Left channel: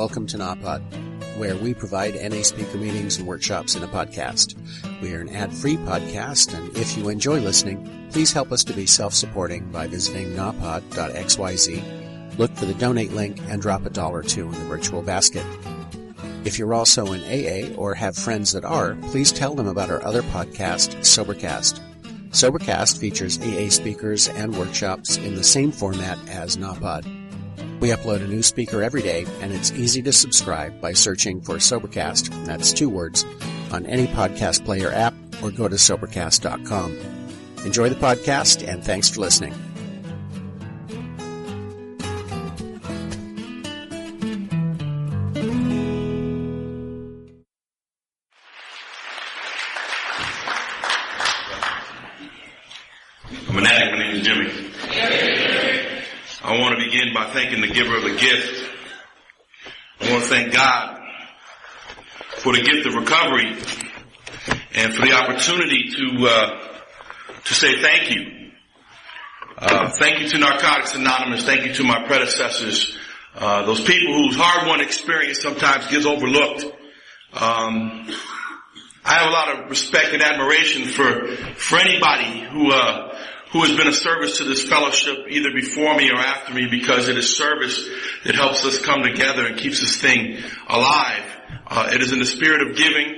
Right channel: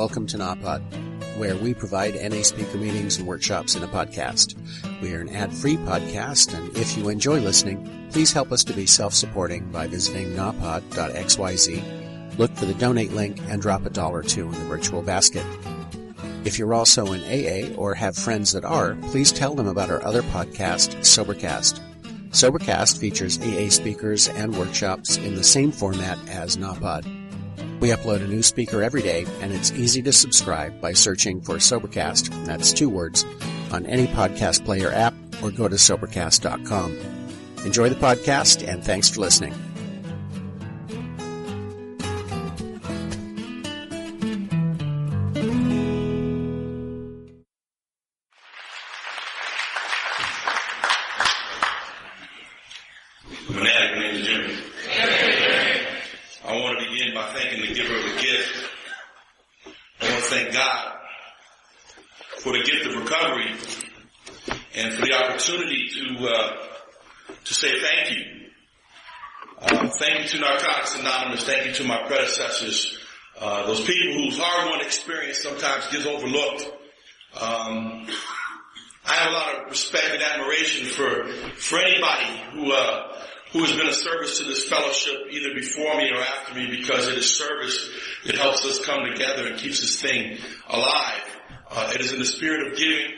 welcome to NAPOD, where we provide NA speaker meetings and workshops in a podcast. We are an ad-free podcast, and if you enjoy listening, please help us to be self-supporting by visiting napod.xyz, look for the donate link, and drop $1 or $2 in the virtual basket. If you're also in AA or have friends that are, please tell them about our other podcast, Sobercast. Sobercast features AA speakers and workshops in the same format as NAPOD. We upload a new speaker every day, and it's easy to subscribe by searching for Sobercast, that's 2 words, on any podcast player app, or go to Sobercast.com. Enjoy the podcast, and thanks for listening. I'm an addict. My name is Jimmy. I want to begin by thanking the giver of a gift. I want to thank God for the gift of recovery and for the opportunity to say thank you. Thank you to Narcotics Anonymous. Thank you to my predecessors. Those people whose hard-won experience sometimes gets overlooked. I have a lot of respect and admiration for anybody who has been a service to this fellowship either before me or after me, because it is service that helps us come together and keeps this thing alive. It is in the spirit of giving,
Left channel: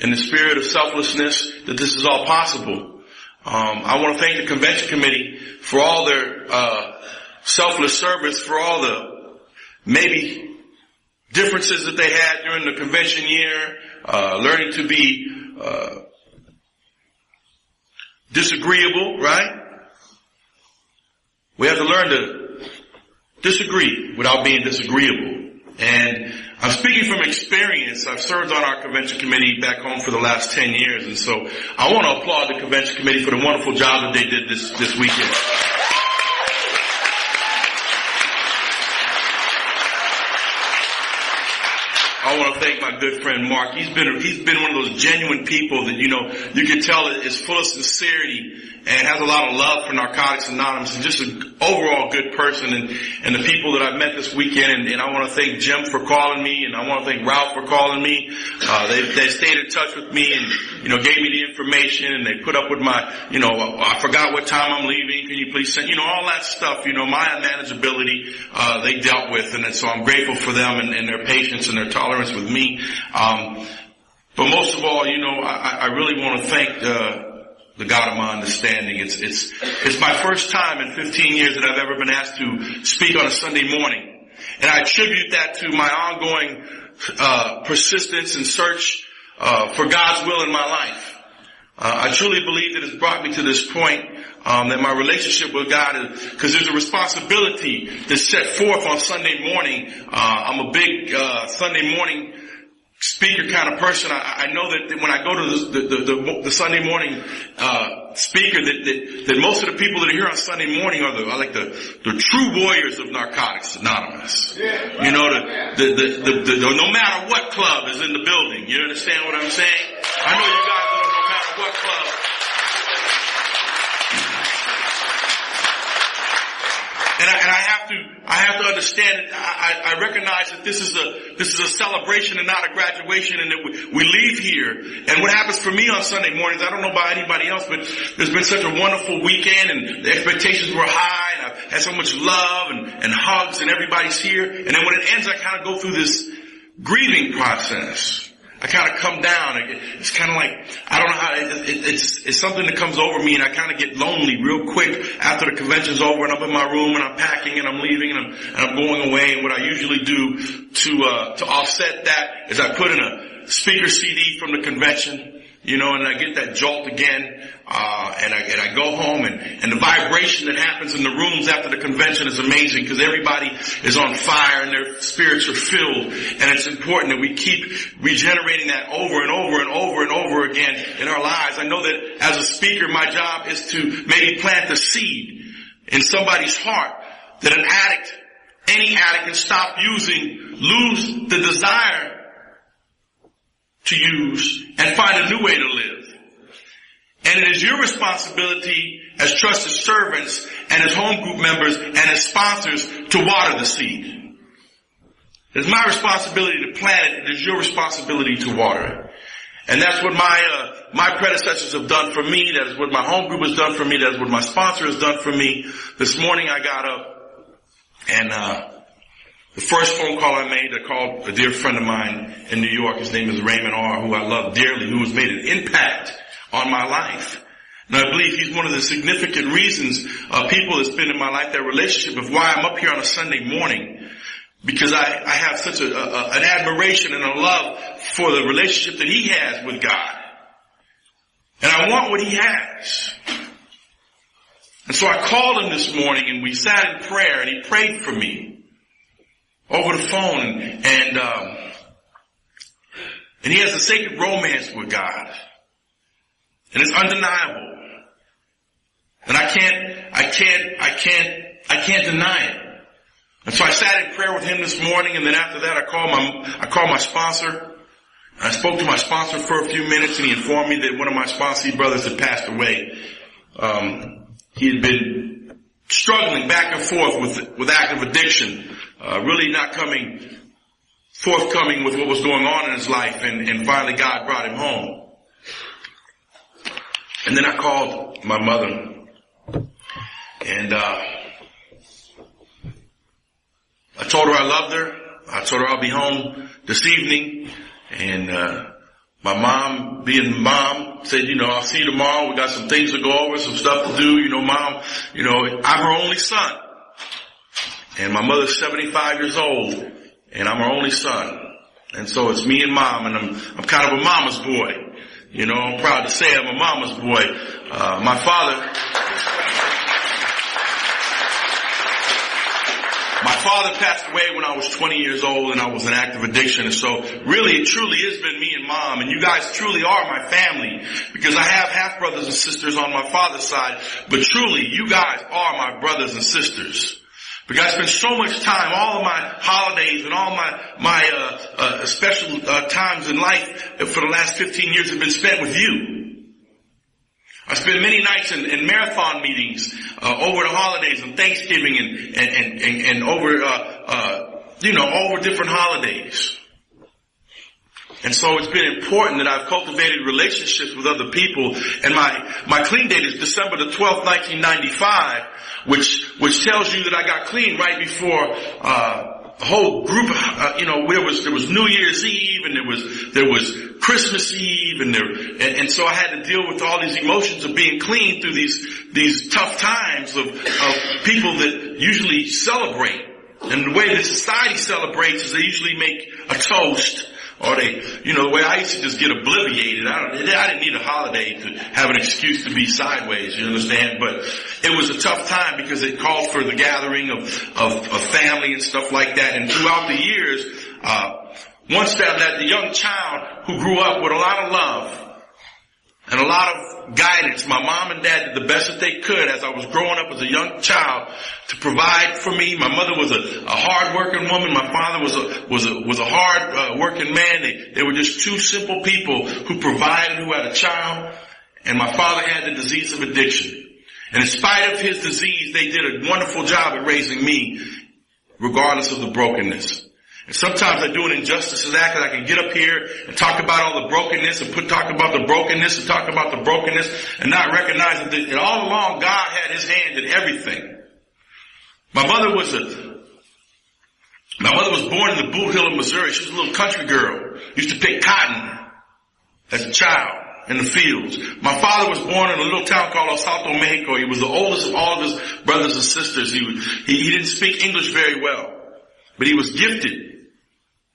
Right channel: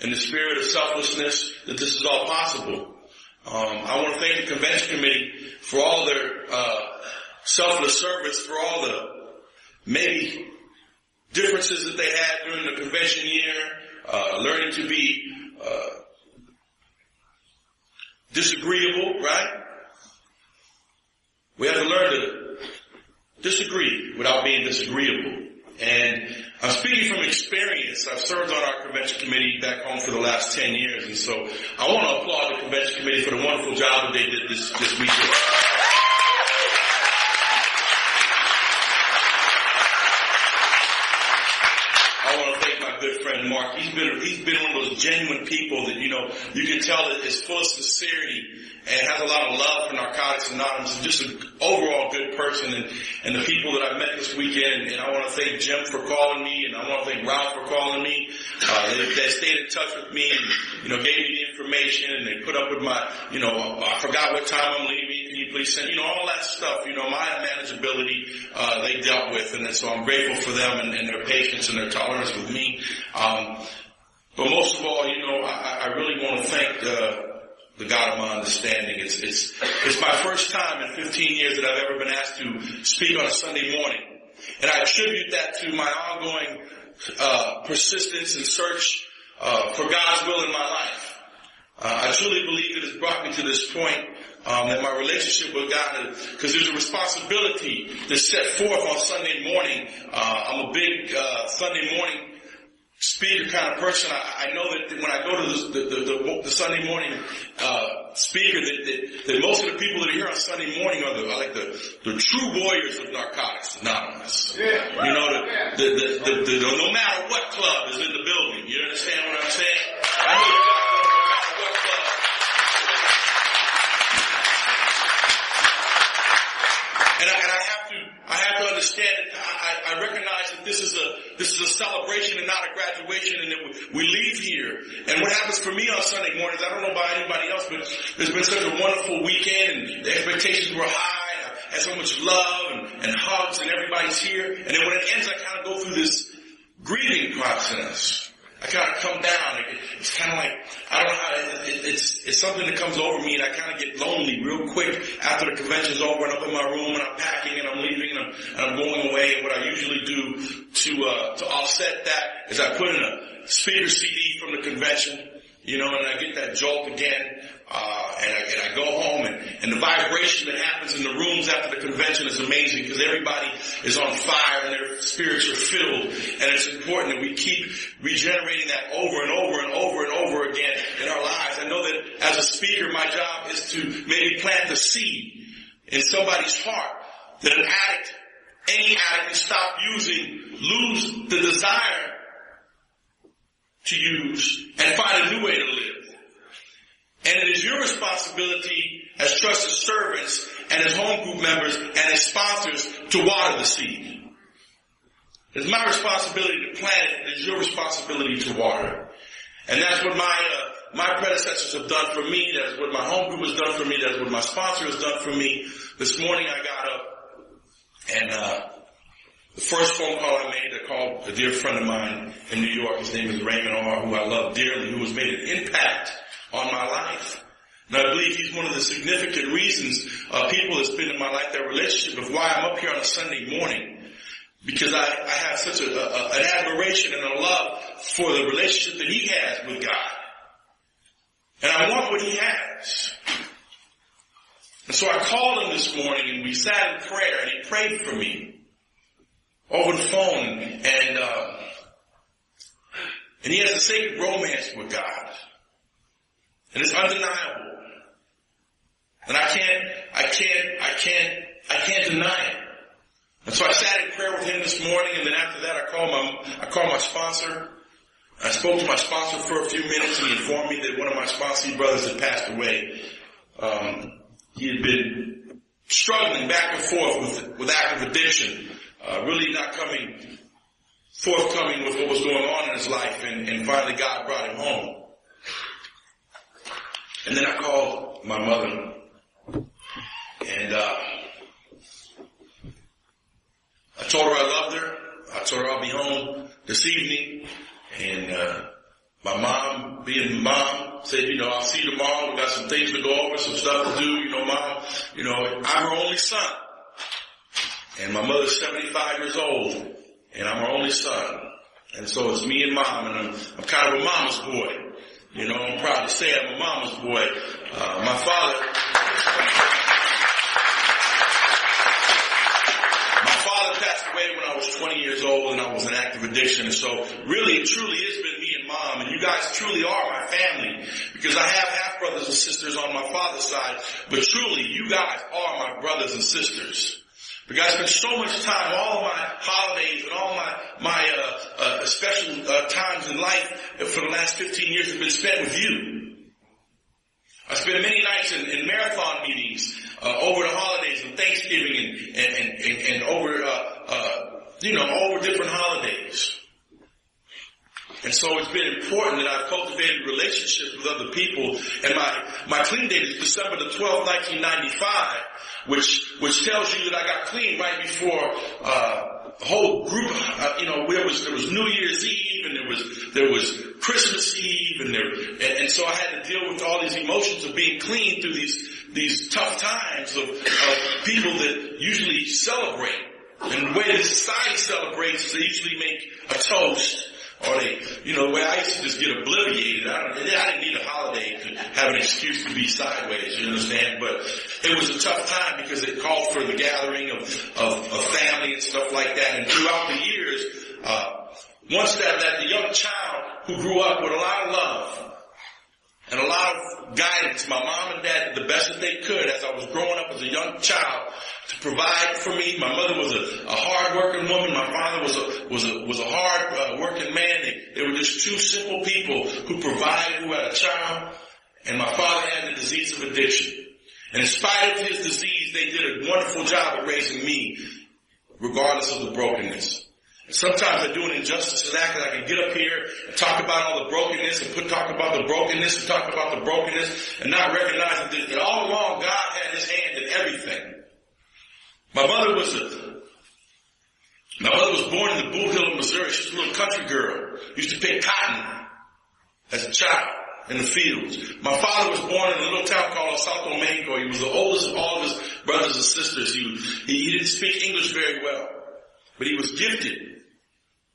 in the spirit of selflessness, that this is all possible. I want to thank the convention committee for all their selfless service, for all the maybe differences that they had during the convention year, learning to be disagreeable, right? We have to learn to disagree without being disagreeable. And I'm speaking from experience. I've served on our convention committee back home for the last 10 years. And so I want to applaud the convention committee for the wonderful job that they did this weekend. I want to thank my good friend Mark. He's been one of those genuine people that, you can tell is full of sincerity and has a lot of love for Narcotics Anonymous, and just an overall good person. And the people that I've met this weekend, and I want to thank Jim for calling me, and I want to thank Ralph for calling me. They stayed in touch with me and, gave me the information, and they put up with my, I forgot what time I'm leaving. Can you please send, all that stuff, my unmanageability, they dealt with. And so I'm grateful for them and their patience and their tolerance with me. But most of all, I really want to thank, the God of my understanding. It's my first time in 15 years that I've ever been asked to speak on a Sunday morning. And I attribute that to my ongoing persistence and search for God's will in my life. I truly believe that it's brought me to this point, that my relationship with God is, because there's a responsibility that's set forth on Sunday morning. I'm a big Sunday morning speaker kind of person. I know that when I go to the Sunday morning speaker, that most of the people that are here on Sunday morning are the true warriors of Narcotics Anonymous. Yeah. No matter what club is in the building. You understand what I'm saying? I know you guys are no matter what club. And I have to understand it. I recognize that this is a celebration and not a graduation, and that we leave here. And what happens for me on Sunday mornings, I don't know about anybody else, but there's been such a wonderful weekend, and the expectations were high, and I've had so much love and hugs, and everybody's here. And then when it ends, I kind of go through this grieving process. I kind of come down. It's kind of like, I don't know how, it's something that comes over me, and I kind of get lonely real quick after the convention's over, and I'm in my room, and I'm packing, and I'm leaving, and I'm going away. And what I usually do to offset that is I put in a speaker CD from the convention, and I get that jolt again, and I go home, and the vibration that happens in the rooms after the convention is amazing, because everybody is on fire and their spirits are filled, and it's important that we keep regenerating that over and over and over and over again in our lives. I know that as a speaker, my job is to maybe plant a seed in somebody's heart that any addict can stop using, lose the desire to use, and find a new way to live. And it is your responsibility as trusted servants and as home group members and as sponsors to water the seed. It's my responsibility to plant it. It is your responsibility to water it. And that's what my predecessors have done for me. That is what my home group has done for me. That is what my sponsor has done for me. This morning I got up and the first phone call I made, I called a dear friend of mine in New York. His name is Raymond R., who I love dearly, who has made an impact on my life. And I believe he's one of the significant reasons people that's been in my life, that relationship, of why I'm up here on a Sunday morning. Because I have such an admiration and a love for the relationship that he has with God. And I want what he has. And so I called him this morning and we sat in prayer and he prayed for me over the phone, and he has a sacred romance with God. And it's undeniable. And I can't deny it. And so I sat in prayer with him this morning, and then after that I called my sponsor. I spoke to my sponsor for a few minutes, and he informed me that one of my sponsee brothers had passed away. He had been struggling back and forth with active addiction. Really not forthcoming with what was going on in his life, and finally God brought him home. And then I called my mother, and I told her I loved her. I told her I'll be home this evening, and my mom, being mom, said, I'll see you tomorrow. We got some things to go over, some stuff to do. Mom, I'm her only son. And my mother's 75 years old, and I'm her only son. And so it's me and mom, and I'm kind of a mama's boy. I'm proud to say I'm a mama's boy. My father passed away when I was 20 years old, and I was in active addiction. And so really, it truly has been me and mom, and you guys truly are my family, because I have half brothers and sisters on my father's side, but truly, you guys are my brothers and sisters. Because I spent so much time, all of my holidays and all my special times in life for the last 15 years have been spent with you. I spent many nights in marathon meetings over the holidays and Thanksgiving and over over different holidays. And so it's been important that I've cultivated relationships with other people. And my clean date is December the 12th, 1995, which tells you that I got clean right before a whole group. There was New Year's Eve, and there was Christmas Eve, and so I had to deal with all these emotions of being clean through these tough times of people that usually celebrate. And the way that society celebrates is they usually make a toast. Or the way I used to just get obliviated. I didn't need a holiday to have an excuse to be sideways, you understand? But it was a tough time because it called for the gathering of family and stuff like that. And throughout the years, once that young child who grew up with a lot of love and a lot of guidance, my mom and dad did the best that they could as I was growing up as a young child to provide for me. My mother was a hard-working woman. My father was a hard-working man. They were just two simple people who provided, who had a child. And my father had the disease of addiction. And in spite of his disease, they did a wonderful job at raising me, regardless of the brokenness. And sometimes I do an injustice to that, because I can get up here and talk about all the brokenness and talk about the brokenness and talk about the brokenness and not recognize that all along God had his hand in everything. My mother was born in the Boot Hill of Missouri. She was a little country girl. Used to pick cotton as a child in the fields. My father was born in a little town called El Salto, Mexico. He was the oldest of all of his brothers and sisters. He didn't speak English very well, but he was gifted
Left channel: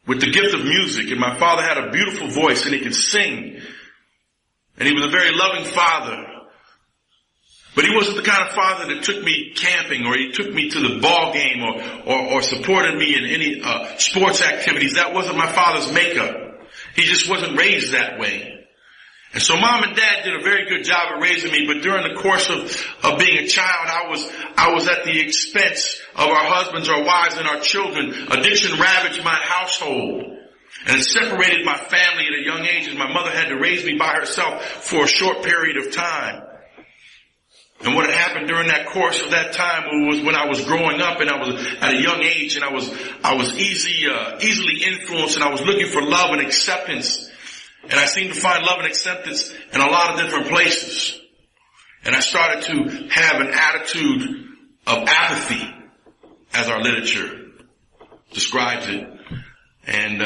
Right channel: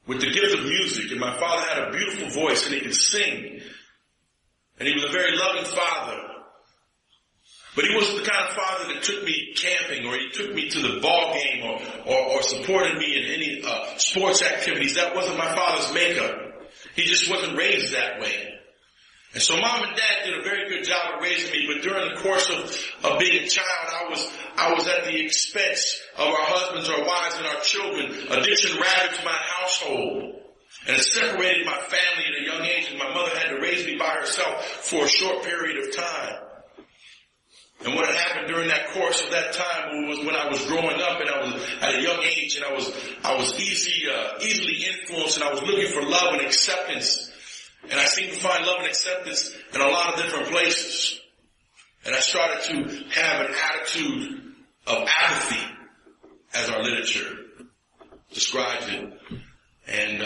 with the gift of music. And my father had a beautiful voice, and he could sing. And he was a very loving father. But he wasn't the kind of father that took me camping, or he took me to the ball game, or supported me in any sports activities. That wasn't my father's makeup. He just wasn't raised that way. And so mom and dad did a very good job of raising me, but during the course of being a child, I was at the expense of our husbands, our wives, and our children. Addiction ravaged my household, and it separated my family at a young age, and my mother had to raise me by herself for a short period of time. And what had happened during that course of that time was when I was growing up and I was at a young age and I was easily influenced and I was looking for love and acceptance. And I seemed to find love and acceptance in a lot of different places. And I started to have an attitude of apathy, as our literature describes it. And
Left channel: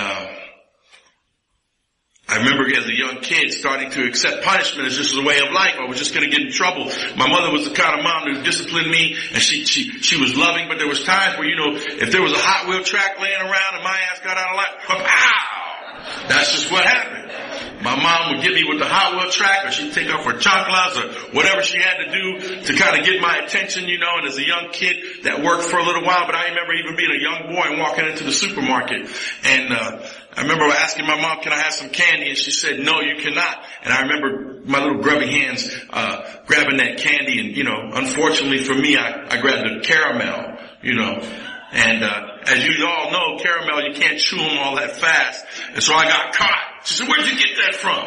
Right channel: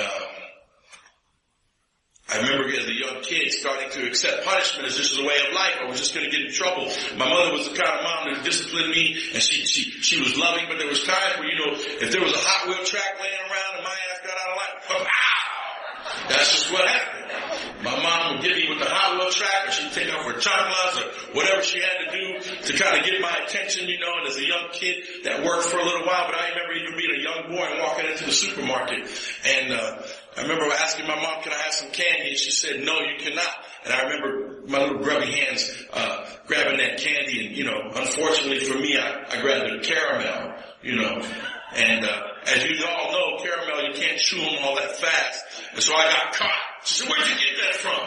I remember as a young kid starting to accept punishment as just a way of life. I was just going to get in trouble. My mother was the kind of mom that disciplined me, and she was loving, but there was times where, if there was a Hot Wheel track laying around and my ass got out of line, pow! That's just what happened. My mom would get me with the Hot Wheel track, or she'd take off her chanclas or whatever she had to do to kind of get my attention, and as a young kid that worked for a little while, but I remember even being a young boy and walking into the supermarket, and I remember asking my mom, can I have some candy? And she said, no, you cannot. And I remember my little grubby hands grabbing that candy. And, unfortunately for me, I grabbed the caramel, And as you all know, caramel, you can't chew them all that fast. And so I got caught. She said, where'd you get that from?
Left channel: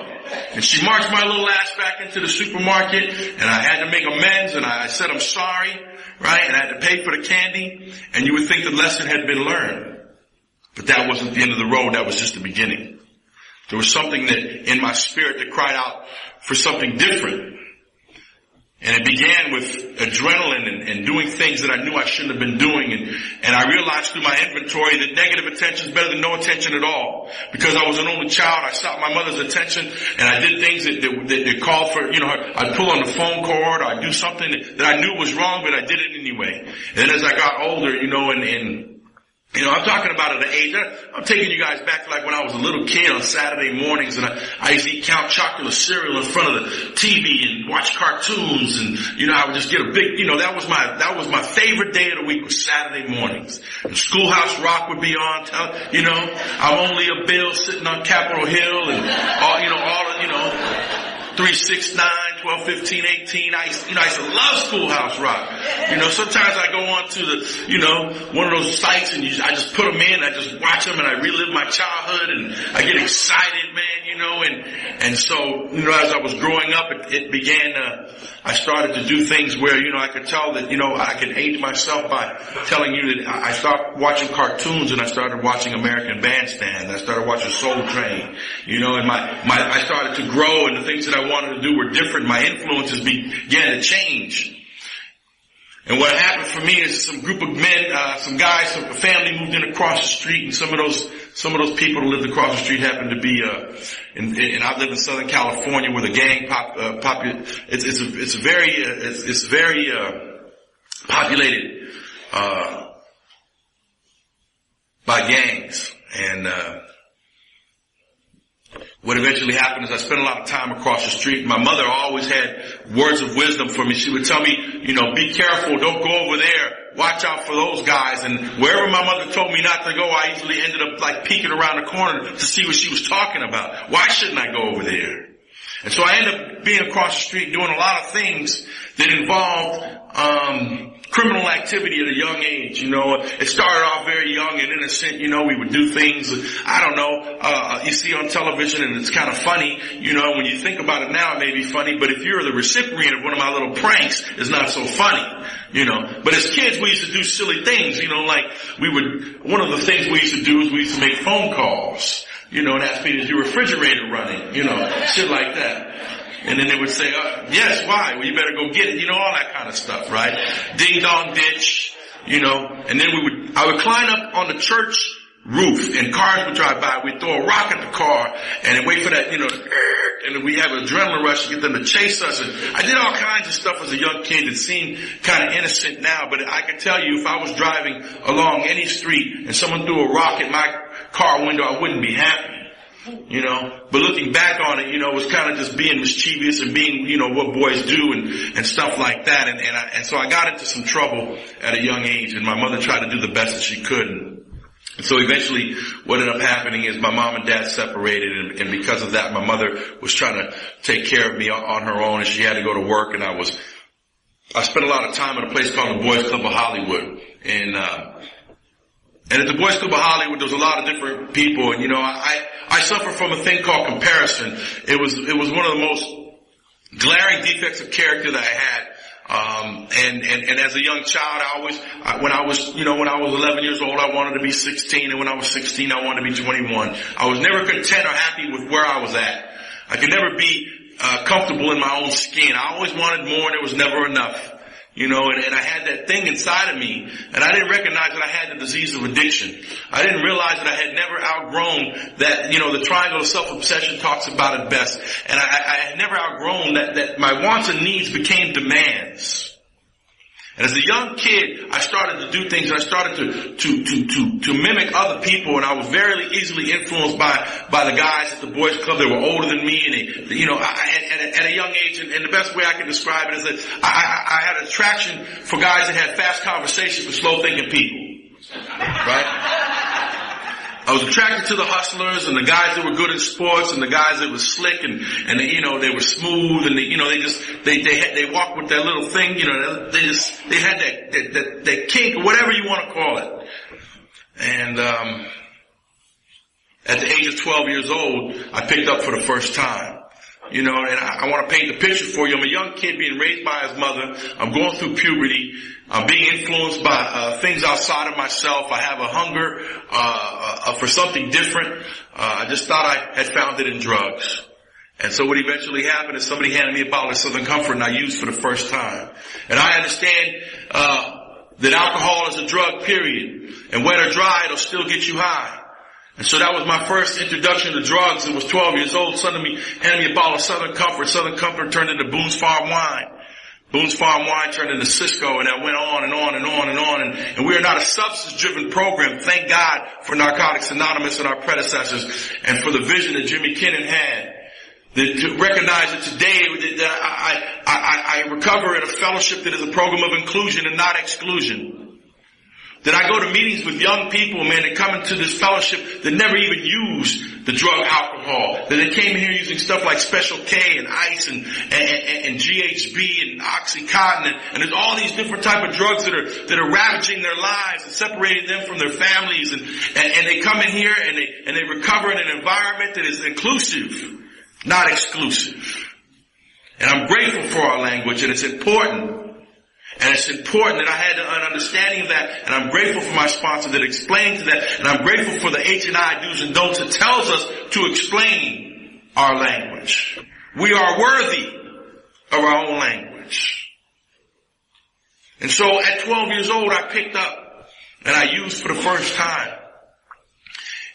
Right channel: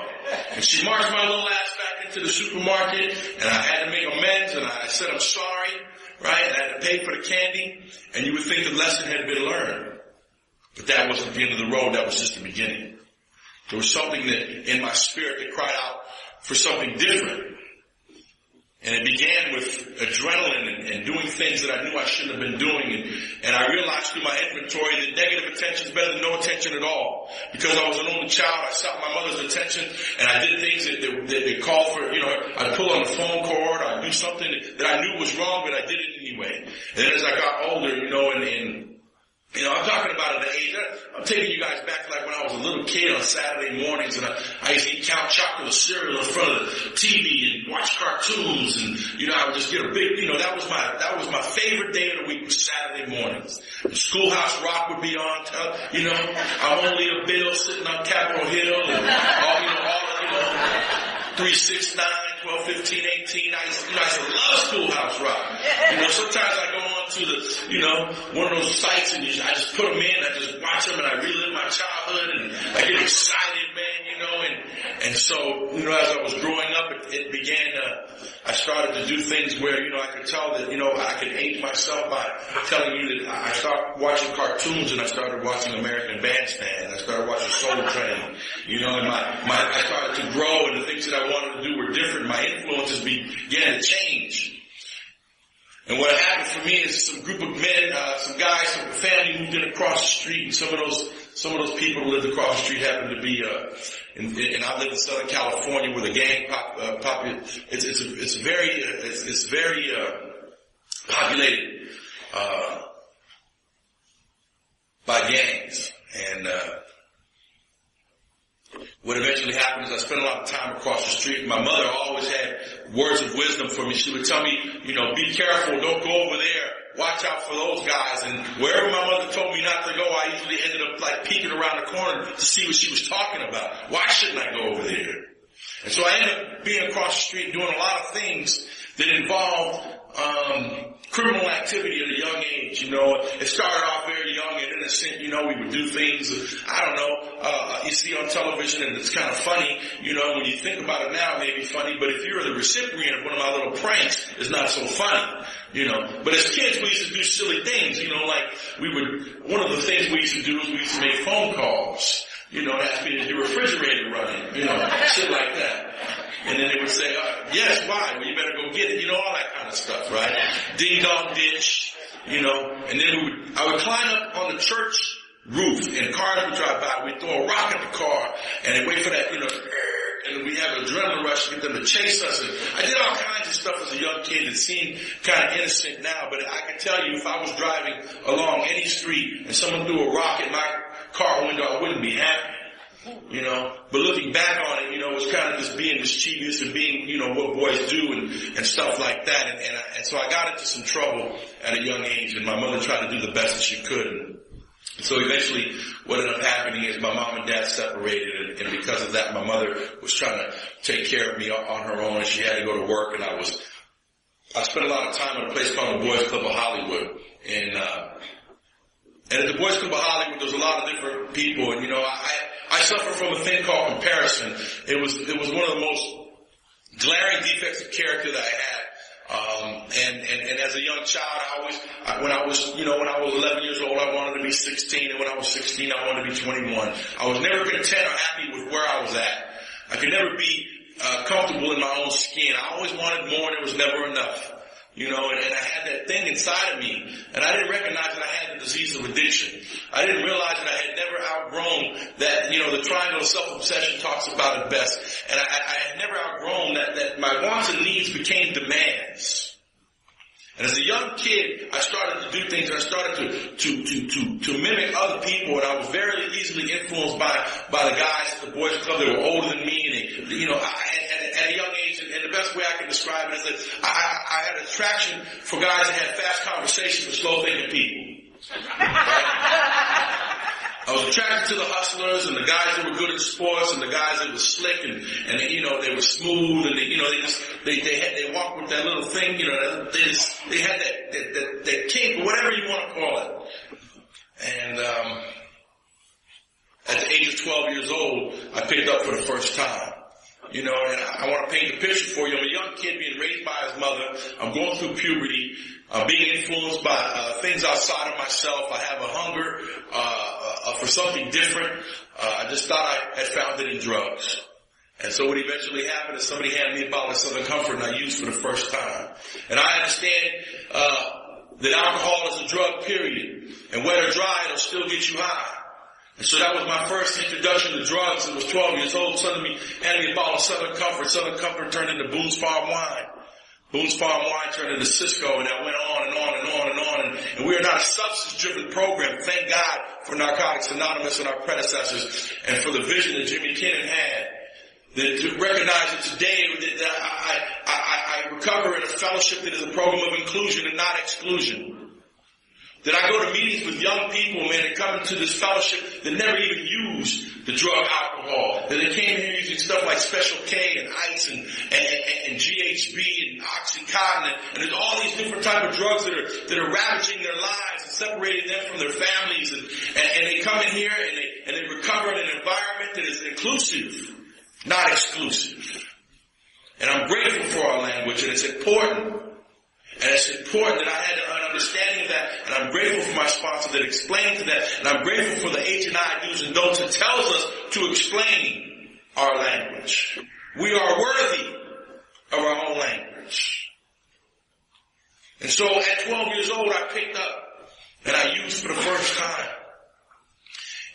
And she marched my little ass back into the supermarket. And I had to make amends. And I said, I'm sorry, right? And I had to pay for the candy. And you would think the lesson had been learned. But that wasn't the end of the road. That was just the beginning. There was something that in my spirit that cried out for something different. And it began with adrenaline and doing things that I knew I shouldn't have been doing. And I realized through my inventory that negative attention is better than no attention at all. Because I was an only child, I sought my mother's attention and I did things that called for, I'd pull on the phone cord or I'd do something that I knew was wrong, but I did it anyway. And then as I got older, I'm talking about at an age, I'm taking you guys back to like when I was a little kid on Saturday mornings and I used to eat Count Chocula cereal in front of the TV and watch cartoons and, I would just get a big, that was my favorite day of the week was Saturday mornings. And Schoolhouse Rock would be on, I'm only a bill sitting on Capitol Hill and all 3, 6, 9, 12, 15, 18. I used to love Schoolhouse Rock. Sometimes I go on to the, one of those sites and I just put them in, I just watch them and I relive my childhood and I get excited, man, and so, as I was growing up, it began, I started to do things where, I could tell that, I could age myself by telling you that I started watching cartoons and I started watching American Bandstand. I started watching Soul Train, and I started to grow and the things that I wanted to do were different. My influences began to change. And what happened for me is some group of men, some guys, some family moved in across the street, and some of those people who lived across the street happened to be, and I live in Southern California where the gang it's very populated, by gangs. And, what eventually happened is I spent a lot of time across the street. My mother always had words of wisdom for me. She would tell me, be careful, don't go over there. Watch out for those guys. And wherever my mother told me not to go, I usually ended up like peeking around the corner to see what she was talking about. Why shouldn't I go over there? And so I ended up being across the street doing a lot of things that involved criminal activity at a young age. It started off very young and innocent. We would do things, you see on television and it's kind of funny. When you think about it now, it may be funny, but if you're the recipient of one of my little pranks, it's not so funny. But as kids, we used to do silly things, one of the things we used to do is we used to make phone calls, and ask me, is your refrigerator running? Shit like that. And then they would say, yes, why? Well, you better go get it. All that kind of stuff, right? Ding dong ditch, and then I would climb up on the church roof and cars would drive by. We'd throw a rock at the car and then wait for that, and we have an adrenaline rush to get them to chase us. And I did all kinds of stuff as a young kid that seemed kind of innocent now, but I can tell you if I was driving along any street and someone threw a rock at my car window, I wouldn't be happy. But looking back on it, it was kind of just being mischievous and being, what boys do and stuff like that. And so I got into some trouble at a young age and my mother tried to do the best that she could. And so eventually what ended up happening is my mom and dad separated and because of that, my mother was trying to take care of me on her own and she had to go to work and I spent a lot of time at a place called the Boys Club of Hollywood. And at the Boys Club of Hollywood, there was a lot of different people, and I suffer from a thing called comparison. It was one of the most glaring defects of character that I had. And as a young child, when I was 11 years old, I wanted to be 16. And when I was 16, I wanted to be 21. I was never content or happy with where I was at. I could never be comfortable in my own skin. I always wanted more, and it was never enough. And I had that thing inside of me, and I didn't recognize that I had the disease of addiction. I didn't realize that I had never outgrown that, the triangle of self-obsession talks about it best. And I had never outgrown that my wants and needs became demands. And as a young kid, I started to do things, and I started to mimic other people, and I was very easily influenced by the guys at the boys club that were older than me, and at a young age, and the best way I can describe it is that I had an attraction for guys that had fast conversations with slow thinking people. Right? I was attracted to the hustlers and the guys that were good in sports and the guys that were slick and they were smooth and they walked with that little thing, they had that kink or whatever you want to call it. And, at the age of 12 years old, I picked up for the first time. And I want to paint the picture for you. I'm a young kid being raised by his mother. I'm going through puberty. I'm being influenced by things outside of myself. I have a hunger for something different. I just thought I had found it in drugs. And so what eventually happened is somebody handed me a bottle of Southern Comfort, and I used for the first time. And I understand that alcohol is a drug, period. And wet or dry, it'll still get you high. And so that was my first introduction to drugs. It was 12 years old. Suddenly handed me a bottle of Southern Comfort. Southern Comfort turned into Boone's Farm Wine. Boone's Farm Wine turned into Cisco, and that went on and on and on and on. And we are not a substance-driven program. Thank God for Narcotics Anonymous and our predecessors, and for the vision that Jimmy Kennan had. To recognize that today that I recover in a fellowship that is a program of inclusion and not exclusion. That I go to meetings with young people, man, that come into this fellowship that never even used the drug alcohol. That they came here using stuff like Special K and Ice and GHB and Oxycontin. And there's all these different type of drugs that are ravaging their lives and separating them from their families. And they come in here and they recover in an environment that is inclusive, not exclusive. And I'm grateful for our language, and it's important. And it's important that I had an understanding of that, and I'm grateful for my sponsor that explained to that, and I'm grateful for the H&I do's and don'ts that tells us to explain our language. We are worthy of our own language. And so at 12 years old, I picked up, and I used for the first time.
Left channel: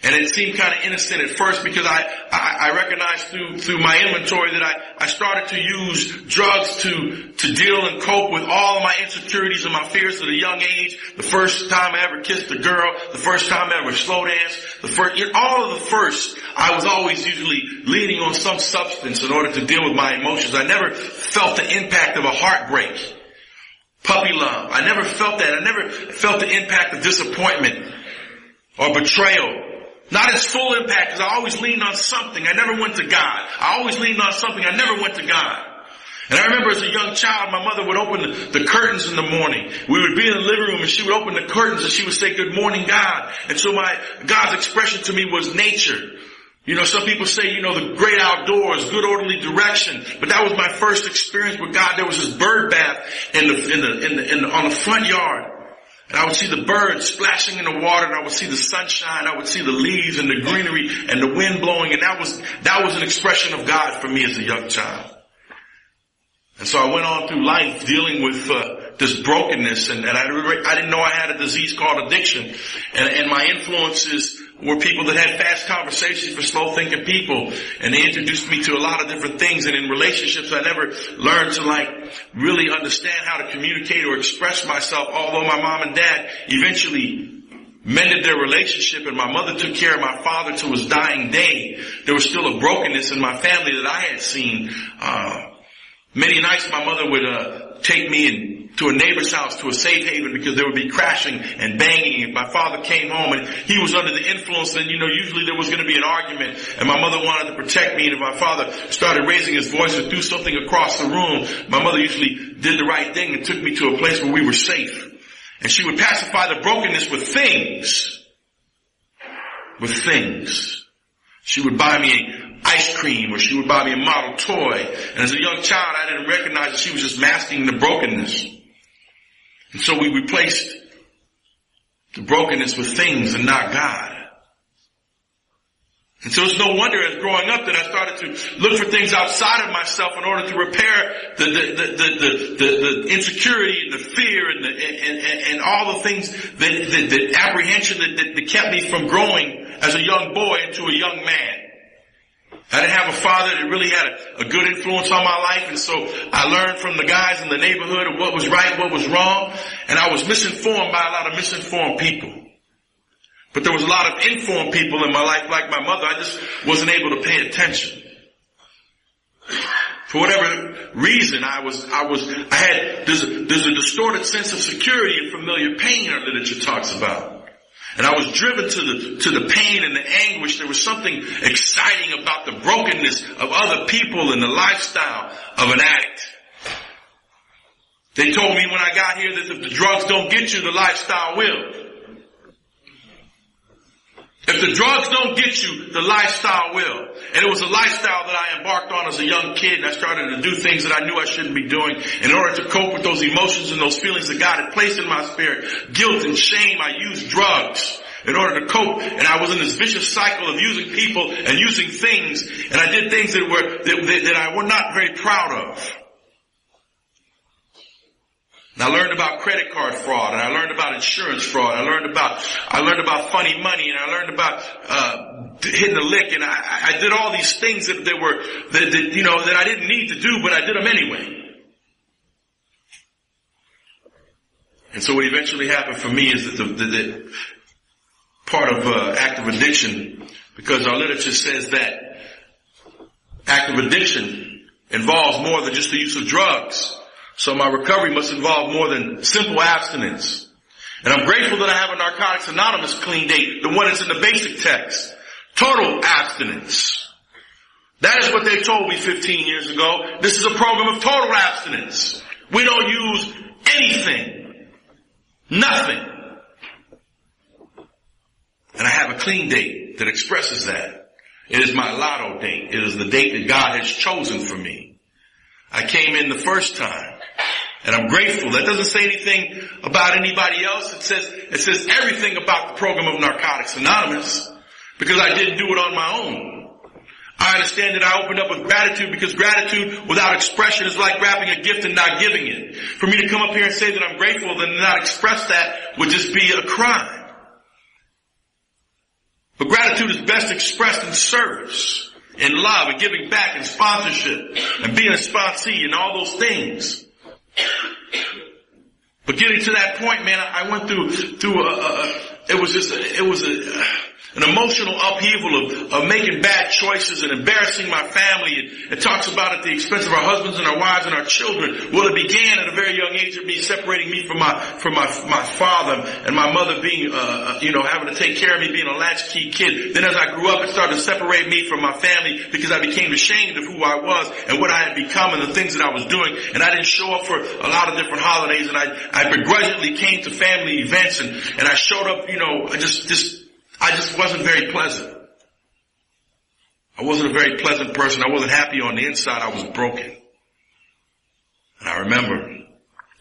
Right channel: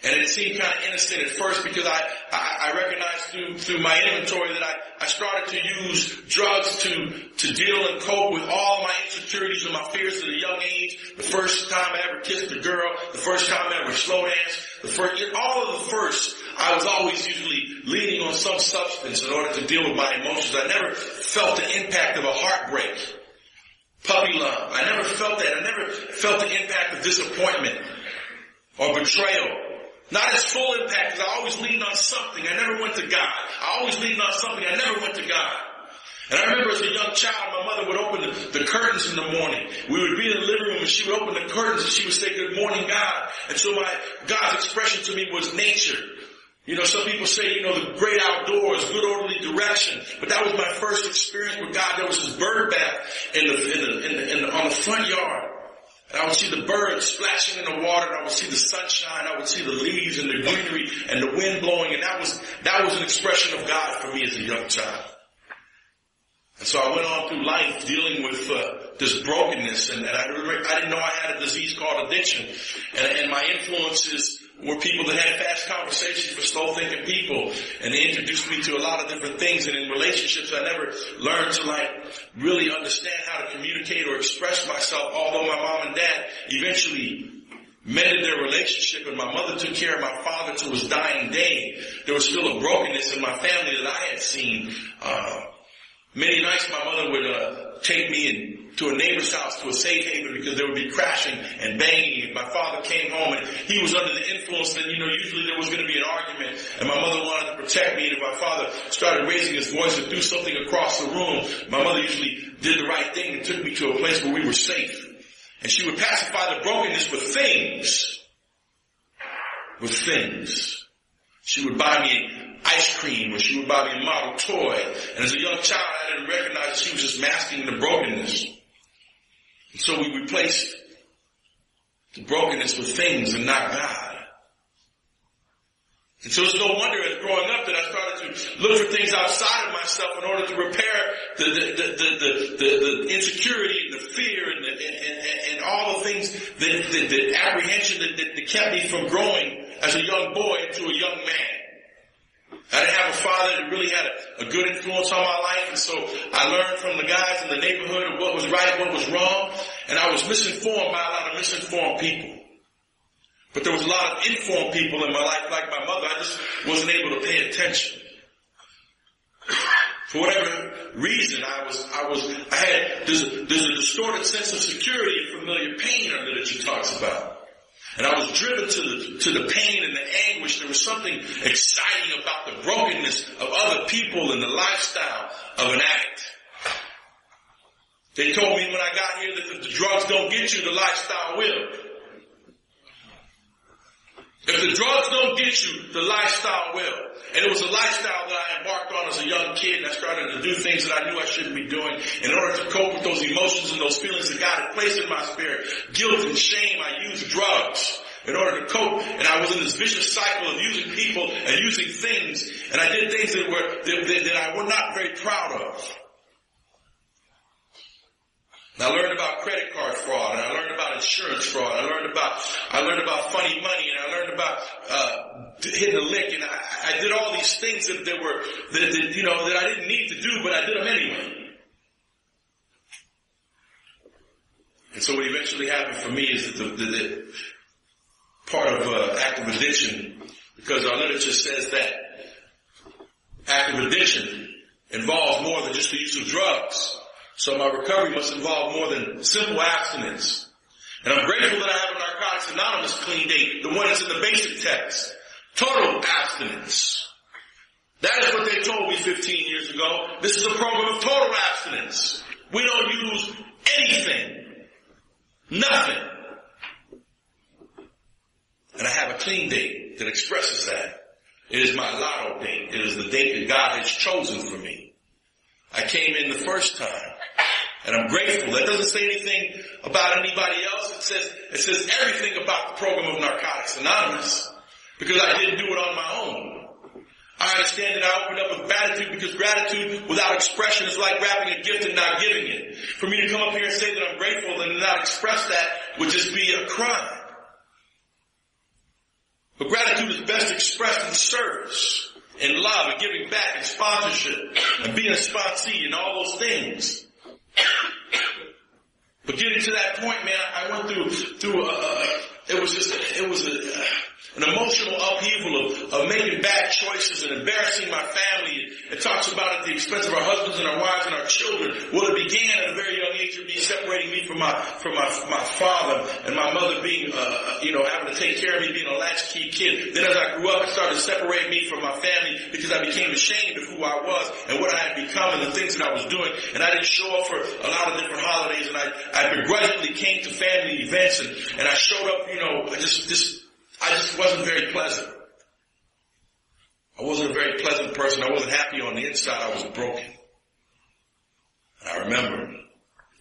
And it seemed kind of innocent at first because I recognized through my inventory that I started to use drugs to deal and cope with all of my insecurities and my fears at a young age. The first time I ever kissed a girl, the first time I ever slow danced, all of the firsts, I was always usually leaning on some substance in order to deal with my emotions. I never felt the impact of a heartbreak, puppy love. I never felt that. I never felt the impact of disappointment or betrayal. Not its full impact, because I always leaned on something. I never went to God. I always leaned on something. I never went to God. And I remember as a young child, my mother would open the curtains in the morning. We would be in the living room, and she would open the curtains, and she would say, "Good morning, God." And so God's expression to me was nature. Some people say, the great outdoors, good orderly direction. But that was my first experience with God. There was this bird bath on the front yard. And I would see the birds splashing in the water, and I would see the sunshine, I would see the leaves and the greenery and the wind blowing, and that was an expression of God for me as a young child. And so I went on through life dealing with this brokenness, and I didn't know I had a disease called addiction. And my influences were people that had fast conversations for slow-thinking people, and they introduced me to a lot of different things. And in relationships, I never learned to really understand how to communicate or express myself. Although my mom and dad eventually mended their relationship, and my mother took care of my father to his dying day, there was still a brokenness in my family that I had seen. Many nights, my mother would take me to a neighbor's house, to a safe haven, because there would be crashing and banging. If my father came home and he was under the influence, then, usually there was going to be an argument, and my mother wanted to protect me. And if my father started raising his voice or threw something across the room, my mother usually did the right thing and took me to a place where we were safe. And she would pacify the brokenness with things. She would buy me ice cream, or she would buy me a model toy. And as a young child, I didn't recognize that she was just masking the brokenness. And so we replaced the brokenness with things and not God. And so it's no wonder as growing up that I started to look for things outside of myself in order to repair the insecurity and the fear and all the things the apprehension that kept me from growing as a young boy into a young man. I didn't have a father that really had a good influence on my life, and so I learned from the guys in the neighborhood of what was right, what was wrong, and I was misinformed by a lot of misinformed people. But there was a lot of informed people in my life, like my mother. I just wasn't able to pay attention. For whatever reason, there's a distorted sense of security and familiar pain our literature talks about. And I was driven to the pain and the anguish. There was something exciting about the brokenness of other people and the lifestyle of an addict. They told me when I got here that if the drugs don't get you, the lifestyle will. If the drugs don't get you, the lifestyle will. And it was a lifestyle that I embarked on as a young kid, and I started to do things that I knew I shouldn't be doing in order to cope with those emotions and those feelings that God had placed in my spirit. Guilt and shame, I used drugs in order to cope, and I was in this vicious cycle of using people and using things, and I did things that I was not very proud of. And I learned about credit card fraud, and I learned about insurance fraud. I learned about funny money, and I learned about hitting a lick, and I did all these things that I didn't need to do, but I did them anyway. And so what eventually happened for me is that the part of active addiction, because our literature says that active addiction involves more than just the use of drugs. So my recovery must involve more than simple abstinence. And I'm grateful that I have a Narcotics Anonymous clean date, the one that's in the basic text. Total abstinence. That is what they told me 15 years ago. This is a program of total abstinence. We don't use anything. Nothing. And I have a clean date that expresses that. It is my lotto date. It is the date that God has chosen for me. I came in the first time. And I'm grateful. That doesn't say anything about anybody else. It says everything about the program of Narcotics Anonymous, because I didn't do it on my own. I understand that I opened up with gratitude, because gratitude without expression is like wrapping a gift and not giving it. For me to come up here and say that I'm grateful and not express that would just be a crime. But gratitude is best expressed in service, in love, and giving back, and sponsorship, and being a sponsee, and all those things. But getting to that point, man, I went through an emotional upheaval of making bad choices and embarrassing my family. And it talks about at the expense of our husbands and our wives and our children. Well, it began at a very young age of me separating me from my father and my mother being, having to take care of me, being a latchkey kid. Then as I grew up, it started to separate me from my family because I became ashamed of who I was and what I had become and the things that I was doing. And I didn't show up for a lot of different holidays, and I begrudgingly came to family events, and I showed up, I just wasn't very pleasant. I wasn't a very pleasant person. I wasn't happy on the inside. I was broken. And I remember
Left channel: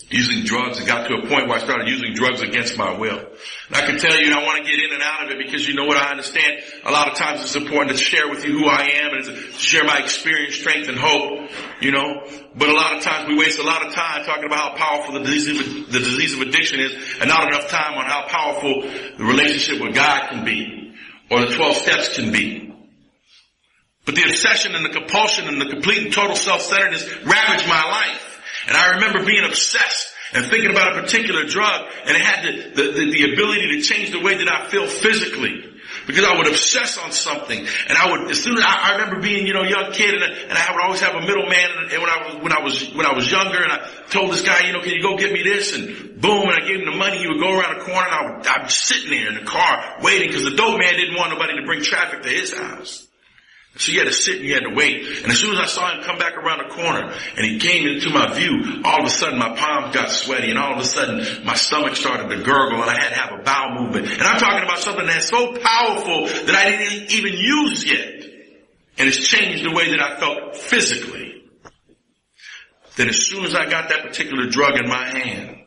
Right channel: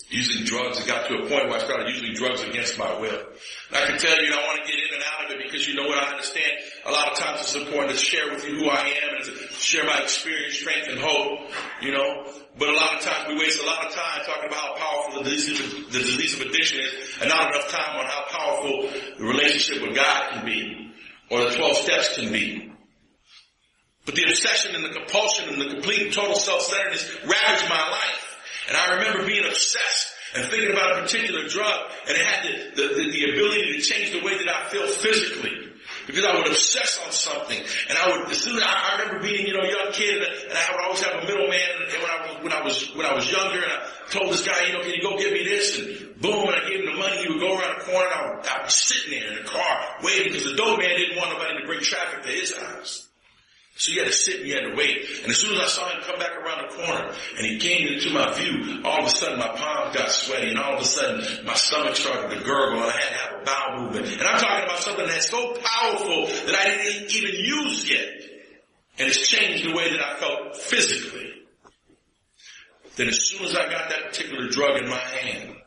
using drugs. It got to a point where I started using drugs against my will. And I can tell you, and I want to get in and out of it, because you know what, I understand a lot of times it's important to share with you who I am and to share my experience, strength, and hope, But a lot of times we waste a lot of time talking about how powerful the disease of addiction is, and not enough time on how powerful the relationship with God can be, or the 12 steps can be. But the obsession and the compulsion and the complete and total self-centeredness ravaged my life. And I remember being obsessed and thinking about a particular drug, and it had the ability to change the way that I feel physically. Because I would obsess on something, and I remember being, a young kid, and I would always have a middleman, and when I was younger, and I told this guy, can you go get me this, and boom, and I gave him the money, he would go around the corner, and I'd be sitting there in the car, waiting, because the dope man didn't want nobody to bring traffic to his house. So you had to sit and you had to wait. And as soon as I saw him come back around the corner and he came into my view, all of a sudden my palms got sweaty, and all of a sudden my stomach started to gurgle, and I had to have a bowel movement. And I'm talking about something that's so powerful that I didn't even use yet. And it's changed the way that I felt physically. That as soon as I got that particular drug in my hand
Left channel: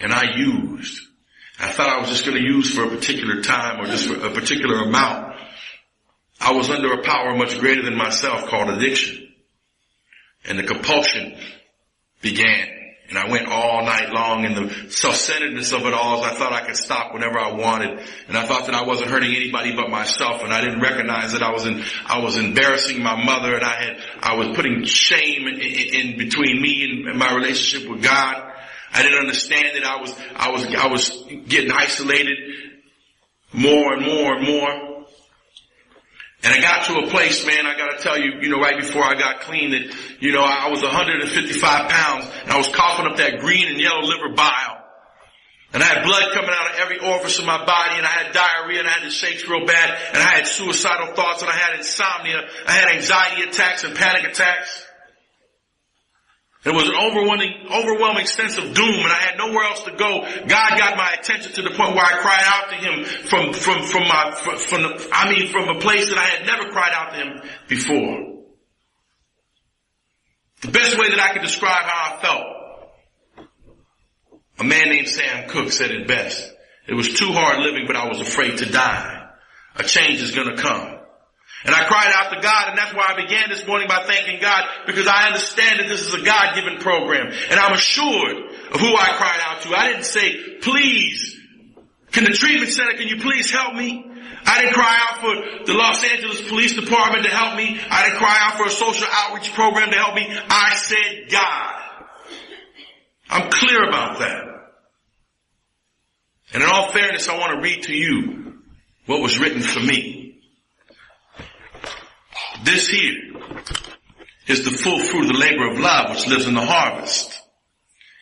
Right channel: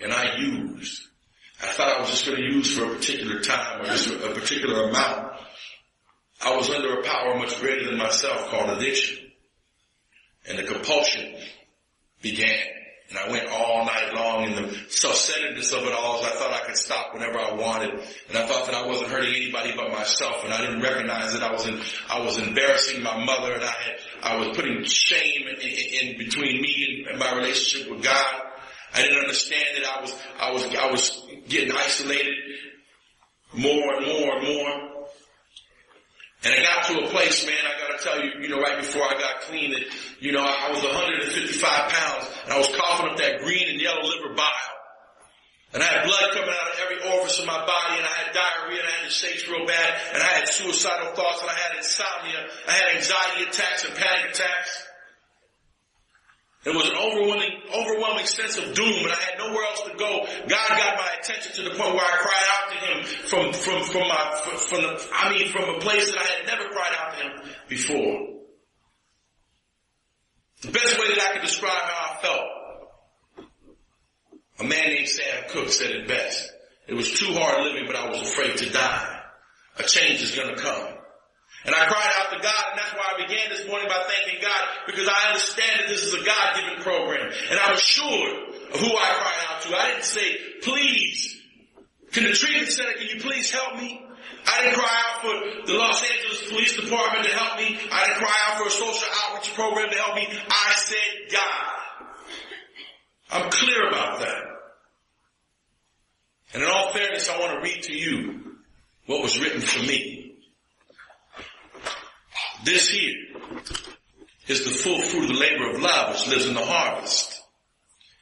and I used, I thought I was just going to use for a particular time or just for a particular amount. I was under a power much greater than myself called addiction. And the compulsion began. And I went all night long in the self-centeredness of it all. I thought I could stop whenever I wanted. And I thought that I wasn't hurting anybody but myself. And I didn't recognize that I was embarrassing my mother, and I was putting shame in between me and my relationship with God. I didn't understand that I was getting isolated more and more and more. And I got to a place, man, I gotta tell you, right before I got clean that, I was 155 pounds and I was coughing up that green and yellow liver bile. And I had blood coming out of every orifice of my body, and I had diarrhea, and I had the shakes real bad, and I had suicidal thoughts, and I had insomnia, I had anxiety attacks and panic attacks. It was an overwhelming sense of doom, and I had nowhere else to go. God got my attention to the point where I cried out to Him from a place that I had never cried out to Him before. The best way that I could describe how I felt, a man named Sam Cooke said it best. It was too hard living, but I was afraid to die. A change is going to come. And I cried out to God, and that's why I began this morning by thanking God, because I understand that this is a God-given program. And I'm assured of who I cried out to. I didn't say, please, can the treatment center, can you please help me? I didn't cry out for the Los Angeles Police Department to help me. I didn't cry out for a social outreach program to help me. I said, God. I'm clear about that. And in all fairness, I want to read to you what was written for me. This here is the full fruit of the labor of love which lives in the harvest.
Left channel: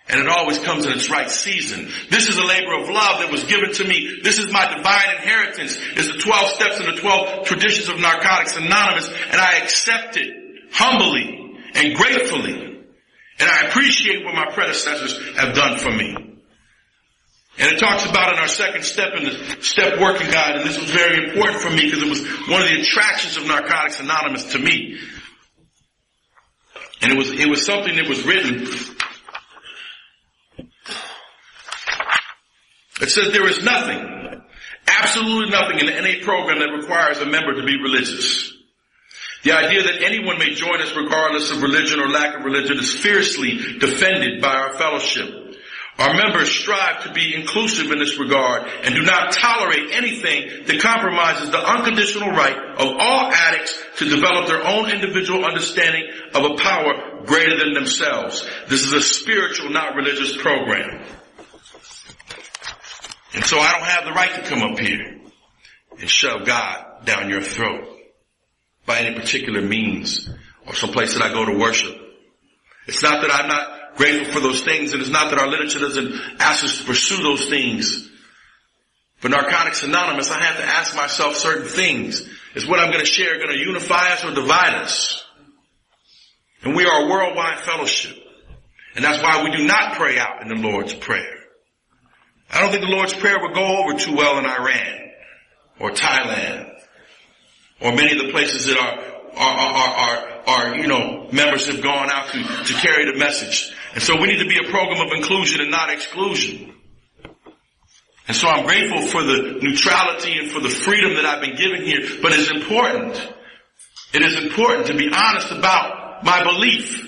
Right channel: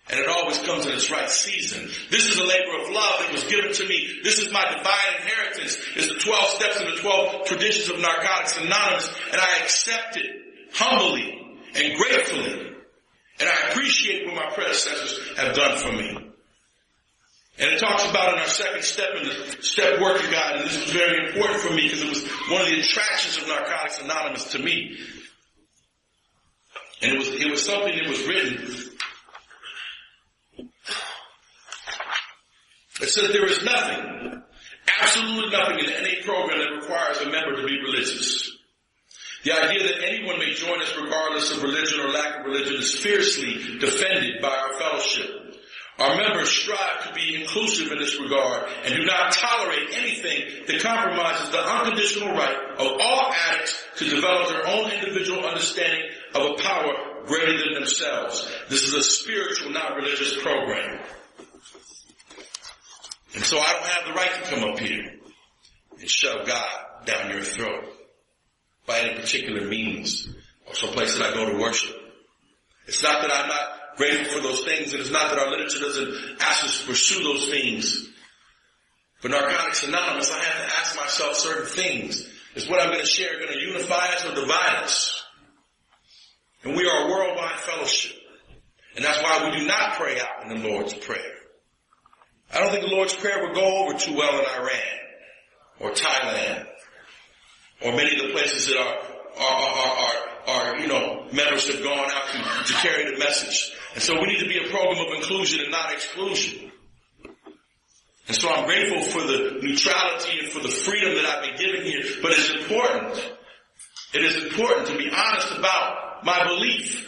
And it always comes in its right season. This is a labor of love that was given to me. This is my divine inheritance. It's the 12 steps and the 12 traditions of Narcotics Anonymous. And I accept it humbly and gratefully. And I appreciate what my predecessors have done for me. And it talks about in our second step in the step working guide, and this was very important for me because it was one of the attractions of Narcotics Anonymous to me. And it was something that was written. It says there is nothing, absolutely nothing in the NA program that requires a member to be religious. The idea that anyone may join us regardless of religion or lack of religion is fiercely defended by our fellowship. Our members strive to be inclusive in this regard and do not tolerate anything that compromises the unconditional right of all addicts to develop their own individual understanding of a power greater than themselves. This is a spiritual, not religious program. And so I don't have the right to come up here and shove God down your throat by any particular means or someplace that I go to worship. It's not that I'm not grateful for those things, and it's not that our literature doesn't ask us to pursue those things. For Narcotics Anonymous, I have to ask myself certain things. Is what I'm going to share going to unify us or divide us? And we are a worldwide fellowship. And that's why we do not pray out in the Lord's Prayer. I don't think the Lord's Prayer would go over too well in Iran or Thailand or many of the places that our members have gone out to carry the message. And so we need to be a program of inclusion and not exclusion. And so I'm grateful for the neutrality and for the freedom that I've been given here. But it is important to be honest about my belief.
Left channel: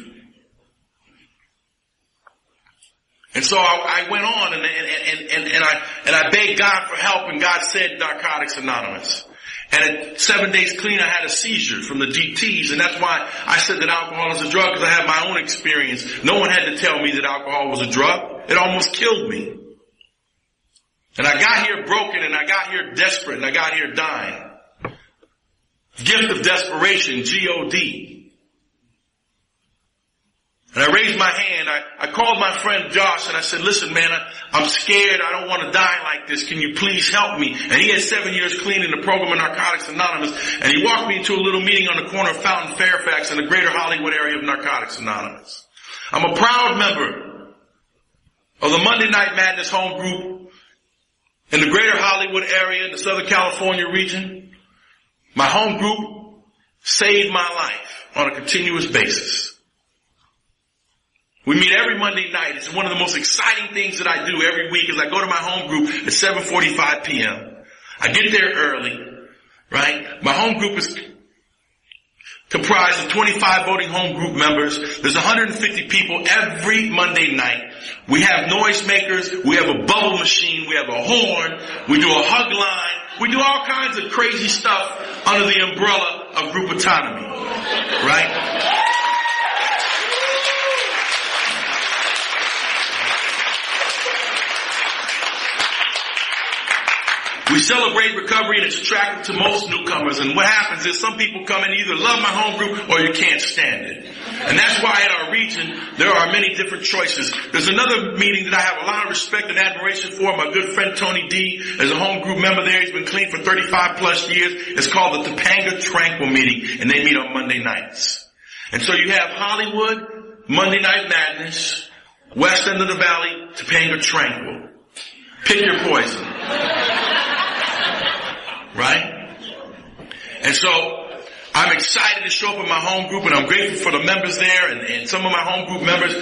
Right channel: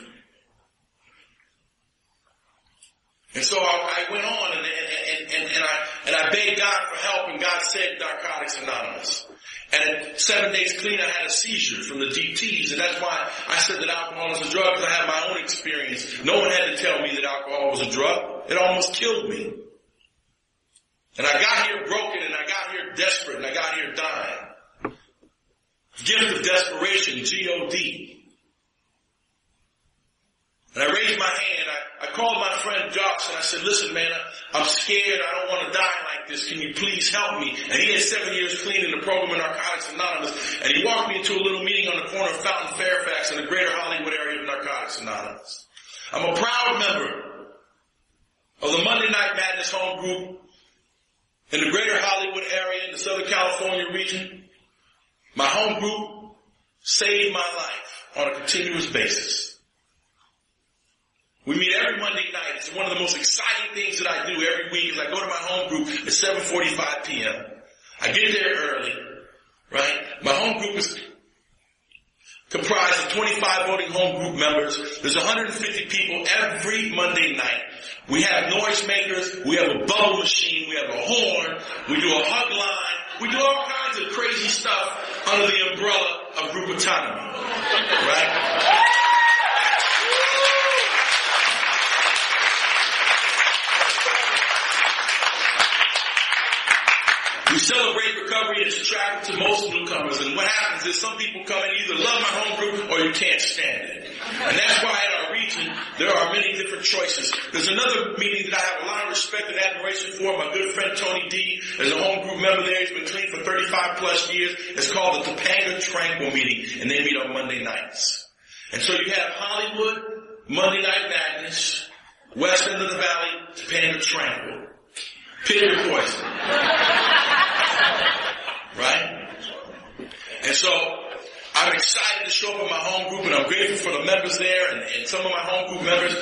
And so I went on and I begged God for help, and God said Narcotics Anonymous. And at 7 days clean, I had a seizure from the DTs, and that's why I said that alcohol is a drug, because I had my own experience. No one had to tell me that alcohol was a drug. It almost killed me. And I got here broken, and I got here desperate, and I got here dying. Gift of desperation, G-O-D. And I raised my hand. I called my friend Josh, and I said, listen, man, I'm scared. I don't want to die like this. Can you please help me? And he had 7 years clean in the program of Narcotics Anonymous. And he walked me into a little meeting on the corner of Fountain Fairfax in the greater Hollywood area of Narcotics Anonymous. I'm a proud member of the Monday Night Madness home group in the greater Hollywood area in the Southern California region. My home group saved my life on a continuous basis. We meet every Monday night. It's one of the most exciting things that I do every week is I go to my home group at 7:45 p.m. I get there early, right? My home group is comprised of 25 voting home group members. There's 150 people every Monday night. We have noisemakers. We have a bubble machine. We have a horn. We do a hug line. We do all kinds of crazy stuff under the umbrella of group autonomy, right? We celebrate recovery, and it's attractive to most newcomers. And what happens is some people come and either love my home group or you can't stand it. And that's why in our region, there are many different choices. There's another meeting that I have a lot of respect and admiration for. My good friend Tony D is a home group member there. He's been clean for 35 plus years. It's called the Topanga Tranquil meeting, and they meet on Monday nights. And so you have Hollywood, Monday Night Madness, West End of the Valley, Topanga Tranquil. Pick your poison. Right? And so I'm excited to show up in my home group, and I'm grateful for the members there. And some of my home group members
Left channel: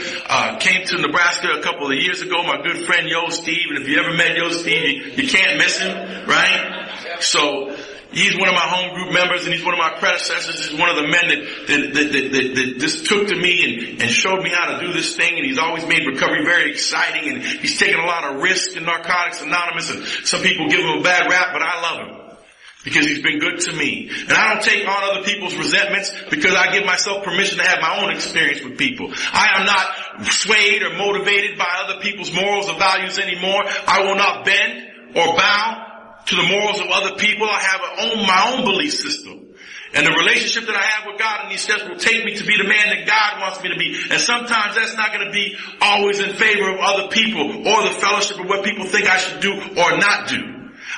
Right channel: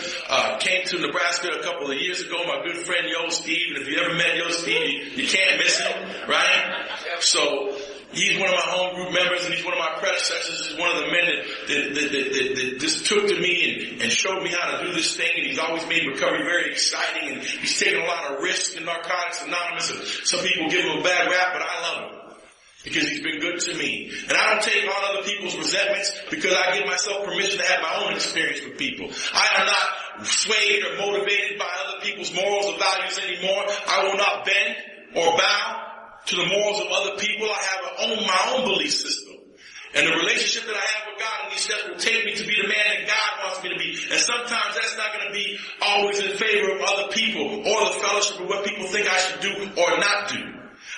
came to Nebraska a couple of years ago. My good friend Yo Steve, and if you ever met Yo Steve, you can't miss him, right? So he's one of my home group members, and he's one of my predecessors. He's one of the men that just took to me and showed me how to do this thing. And he's always made recovery very exciting, and he's taken a lot of risks in Narcotics Anonymous. And some people give him a bad rap, but I love him, because he's been good to me. And I don't take on other people's resentments, because I give myself permission to have my own experience with people. I am not swayed or motivated by other people's morals or values anymore. I will not bend or bow to the morals of other people. I have my own belief system. And the relationship that I have with God in these steps will take me to be the man that God wants me to be. And sometimes that's not going to be always in favor of other people or the fellowship of what people think I should do or not do.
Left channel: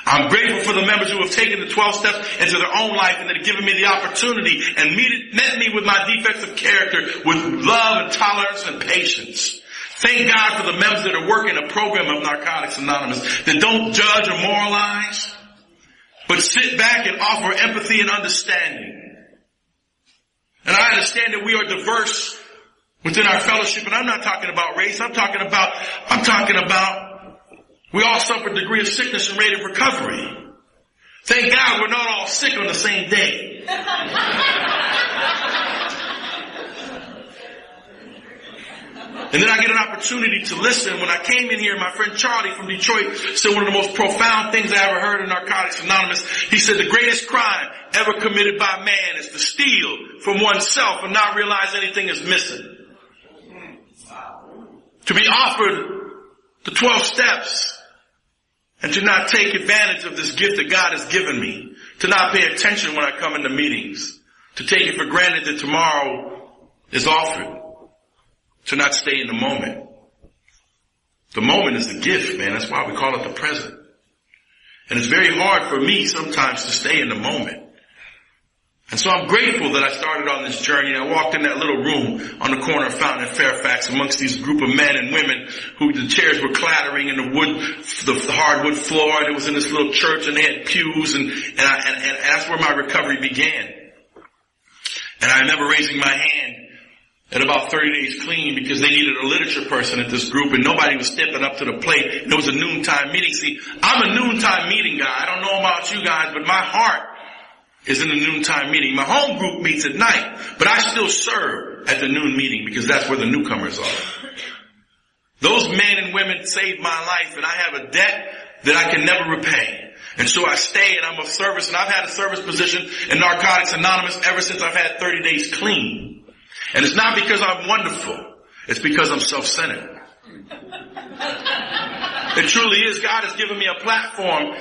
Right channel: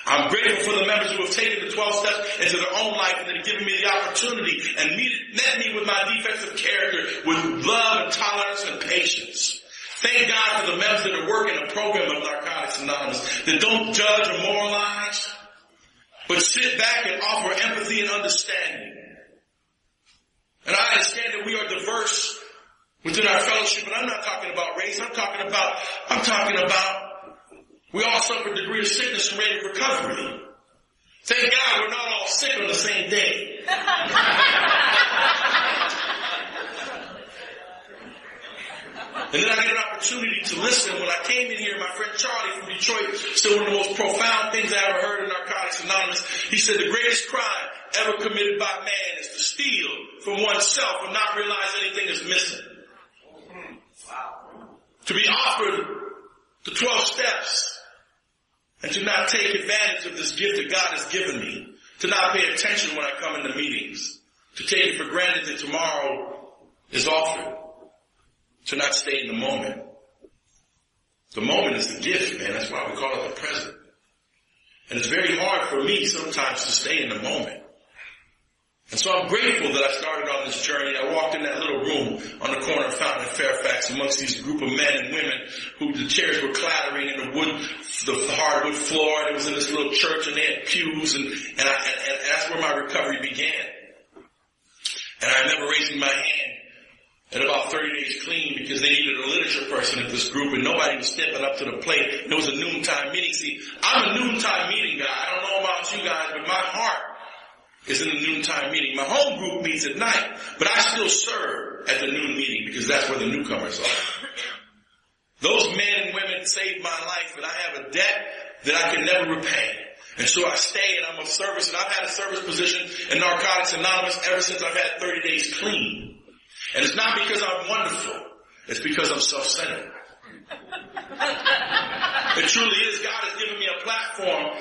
I'm grateful for the members who have taken the 12 steps into their own life and that have given me the opportunity and met me with my defects of character with love and tolerance and patience. Thank God for the members that are working a program of Narcotics Anonymous that don't judge or moralize, but sit back and offer empathy and understanding. And I understand that we are diverse within our fellowship, and I'm not talking about race. I'm talking about we all suffer a degree of sickness and rate of recovery. Thank God we're not all sick on the same day. And then I get an opportunity to listen. When I came in here, my friend Charlie from Detroit said one of the most profound things I ever heard in Narcotics Anonymous. He said the greatest crime ever committed by man is to steal from oneself and not realize anything is missing. To be offered the 12 steps and to not take advantage of this gift that God has given me. To not pay attention when I come into meetings. To take it for granted that tomorrow is offered. To not stay in the moment. The moment is a gift, man. That's why we call it the present. And it's very hard for me sometimes to stay in the moment. And so I'm grateful that I started on this journey. I walked in that little room on the corner of Fountain and Fairfax amongst these group of men and women who the chairs were clattering in the hardwood floor. And it was in this little church, and they had pews, and that's where my recovery began. And I remember raising my hand at about 30 days clean because they needed a literature person at this group, and nobody was stepping up to the plate. It was a noontime meeting. See, I'm a noontime meeting guy. I don't know about you guys, but my heart is in the noontime meeting. My home group meets at night, but I still serve at the noon meeting because that's where the newcomers are. Those men and women saved my life, and I have a debt that I can never repay. And so I stay, and I'm of service, and I've had a service position in Narcotics Anonymous ever since I've had 30 days clean. And it's not because I'm wonderful. It's because I'm self-centered. It truly is. God has given me a platform,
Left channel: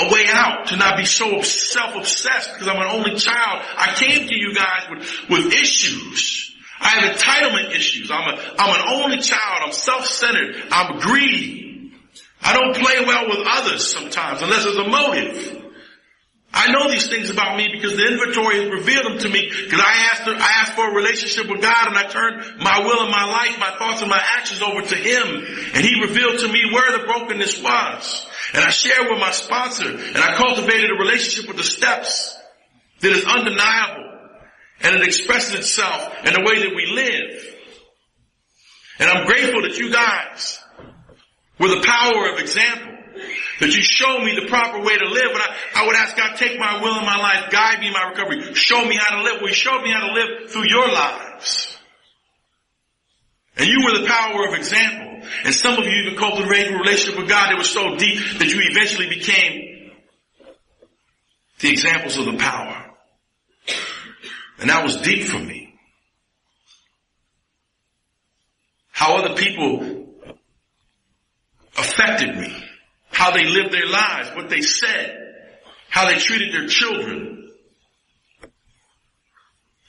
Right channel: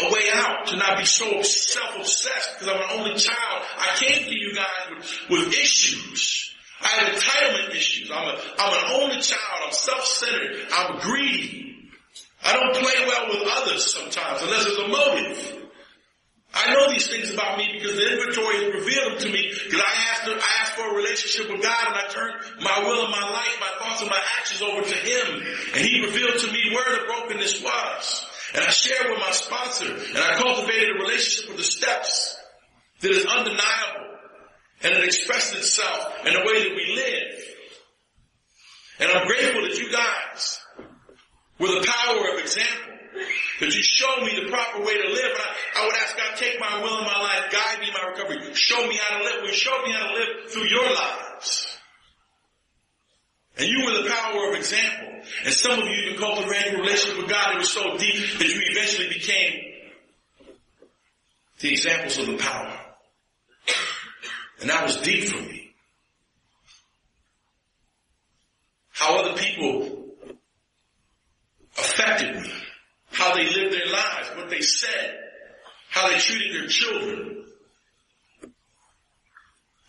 a way out to not be so self-obsessed because I'm an only child. I came to you guys with issues. I have entitlement issues. I'm an only child. I'm self-centered. I'm greedy. I don't play well with others sometimes unless there's a motive. I know these things about me because the inventory has revealed them to me because I asked for a relationship with God, and I turned my will and my life, my thoughts and my actions over to Him, and He revealed to me where the brokenness was. And I shared with my sponsor, and I cultivated a relationship with the steps that is undeniable, and it expresses itself in the way that we live. And I'm grateful that you guys were the power of example, that you showed me the proper way to live. And I would ask God, take my will in my life, guide me in my recovery, show me how to live. Well, you showed me how to live through your lives. And you were the power of example. And some of you even cultivated a relationship with God that was so deep that you eventually became the examples of the power. And that was deep for me. How other people affected me. How they lived their lives, what they said, how they treated their children.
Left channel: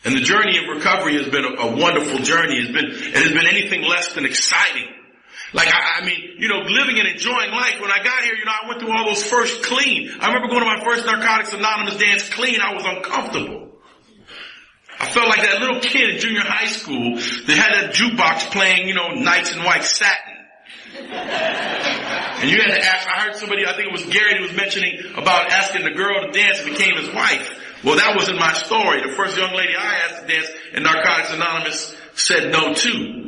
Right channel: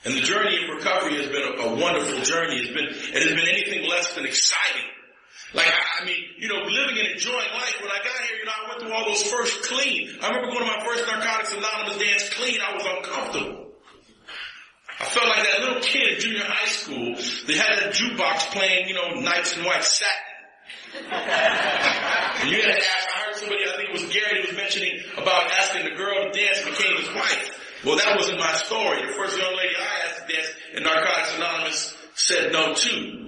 And the journey of recovery has been a wonderful journey. It has been anything less than exciting. Like, I mean, living and enjoying life. When I got here, I went through all those first clean. I remember going to my first Narcotics Anonymous dance clean. I was uncomfortable. I felt like that little kid in junior high school that had that jukebox playing, Nights in White Satin. And you had to ask, I heard somebody, I think it was Gary, who was mentioning about asking the girl to dance and became his wife. Well, that wasn't my story. The first young lady I asked to dance in Narcotics Anonymous said no too.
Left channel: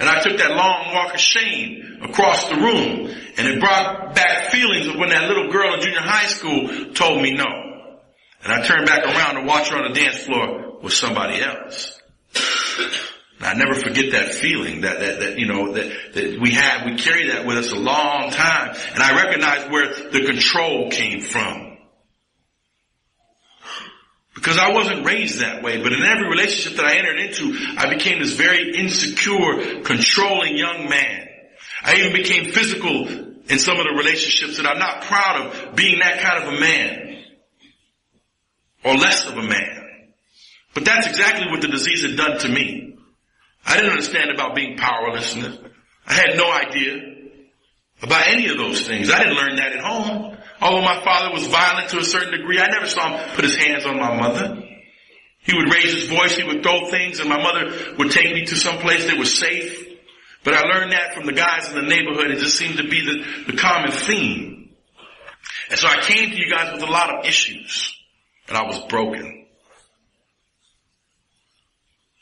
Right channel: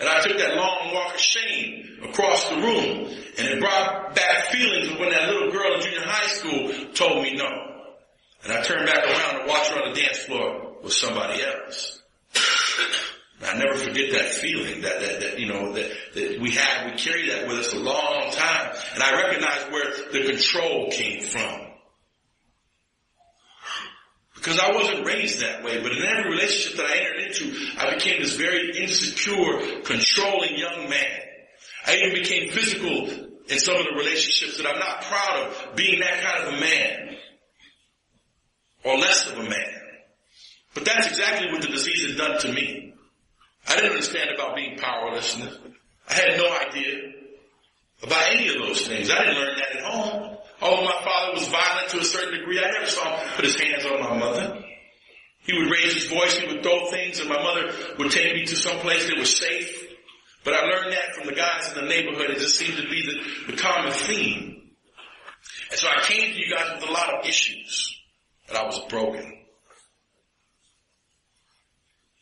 And I took that long walk of shame across the room, and it brought back feelings of when that little girl in junior high school told me no. And I turned back around to watch her on the dance floor with somebody else. And I never forget that feeling that we had. We carry that with us a long time. And I recognize where the control came from. Because I wasn't raised that way, but in every relationship that I entered into, I became this very insecure, controlling young man. I even became physical in some of the relationships that I'm not proud of being that kind of a man. Or less of a man. But that's exactly what the disease had done to me. I didn't understand about being powerlessness. I had no idea about any of those things. I didn't learn that at home. Although my father was violent to a certain degree, I never saw him put his hands on my mother. He would raise his voice, he would throw things, and my mother would take me to some place that was safe. But I learned that from the guys in the neighborhood. It just seemed to be the common theme. And so I came to you guys with a lot of issues. And I was broken.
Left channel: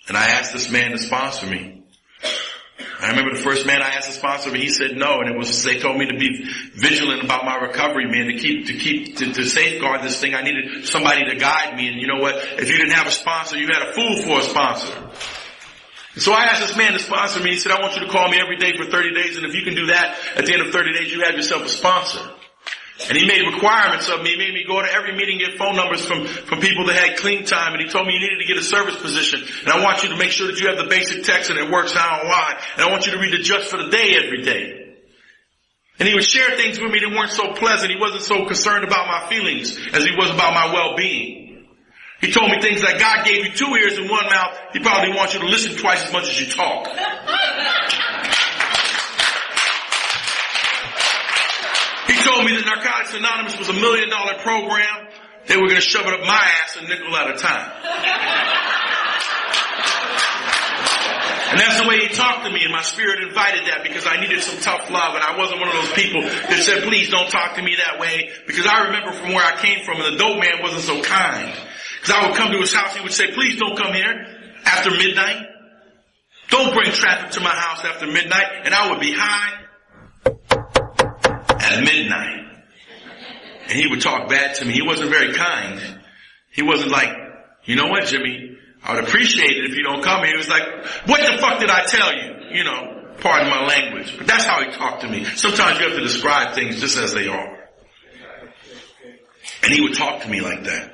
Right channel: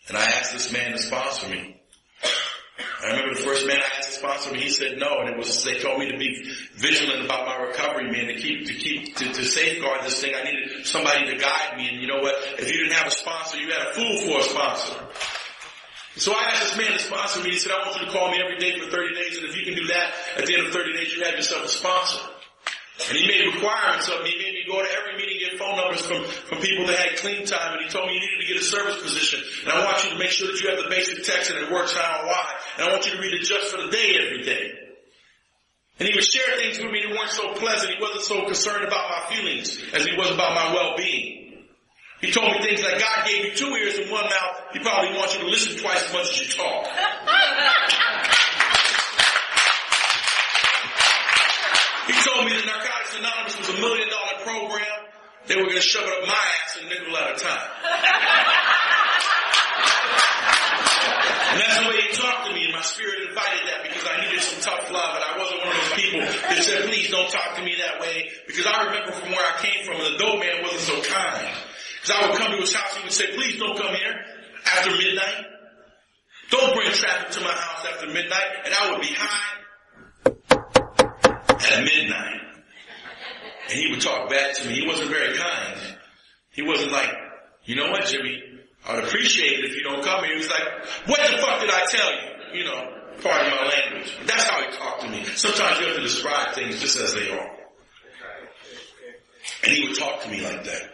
And I asked this man to sponsor me. I remember the first man I asked to sponsor me, he said no, and they told me to be vigilant about my recovery, man, to safeguard this thing. I needed somebody to guide me, and you know what? If you didn't have a sponsor, you had a fool for a sponsor. So I asked this man to sponsor me. He said, I want you to call me every day for 30 days, and if you can do that, at the end of 30 days, you have yourself a sponsor. And he made requirements of me. He made me go to every meeting, get phone numbers from people that had clean time. And he told me you needed to get a service position. And I want you to make sure that you have the basic text and it works how and why. And I want you to read the just for the day every day. And he would share things with me that weren't so pleasant. He wasn't so concerned about my feelings as he was about my well-being. He told me things like, God gave you 2 ears and 1 mouth. He probably wants you to listen twice as much as you talk. He told me that Narcotics Anonymous was $1 million program. They were going to shove it up my ass a nickel at a time. And that's the way he talked to me, and my spirit invited that because I needed some tough love, and I wasn't one of those people that said, please don't talk to me that way, because I remember from where I came from, and the dope man wasn't so kind. Because I would come to his house, he would say, please don't come here after midnight. Don't bring traffic to my house after midnight, and I would be high at midnight. And he would talk bad to me. He wasn't very kind. He wasn't like, you know what, Jimmy, I would appreciate it if you don't come here. He was like, what the fuck did I tell you? You know, pardon my language. But that's how he talked to me. Sometimes you have to describe things just as they are. And he would talk to me like that.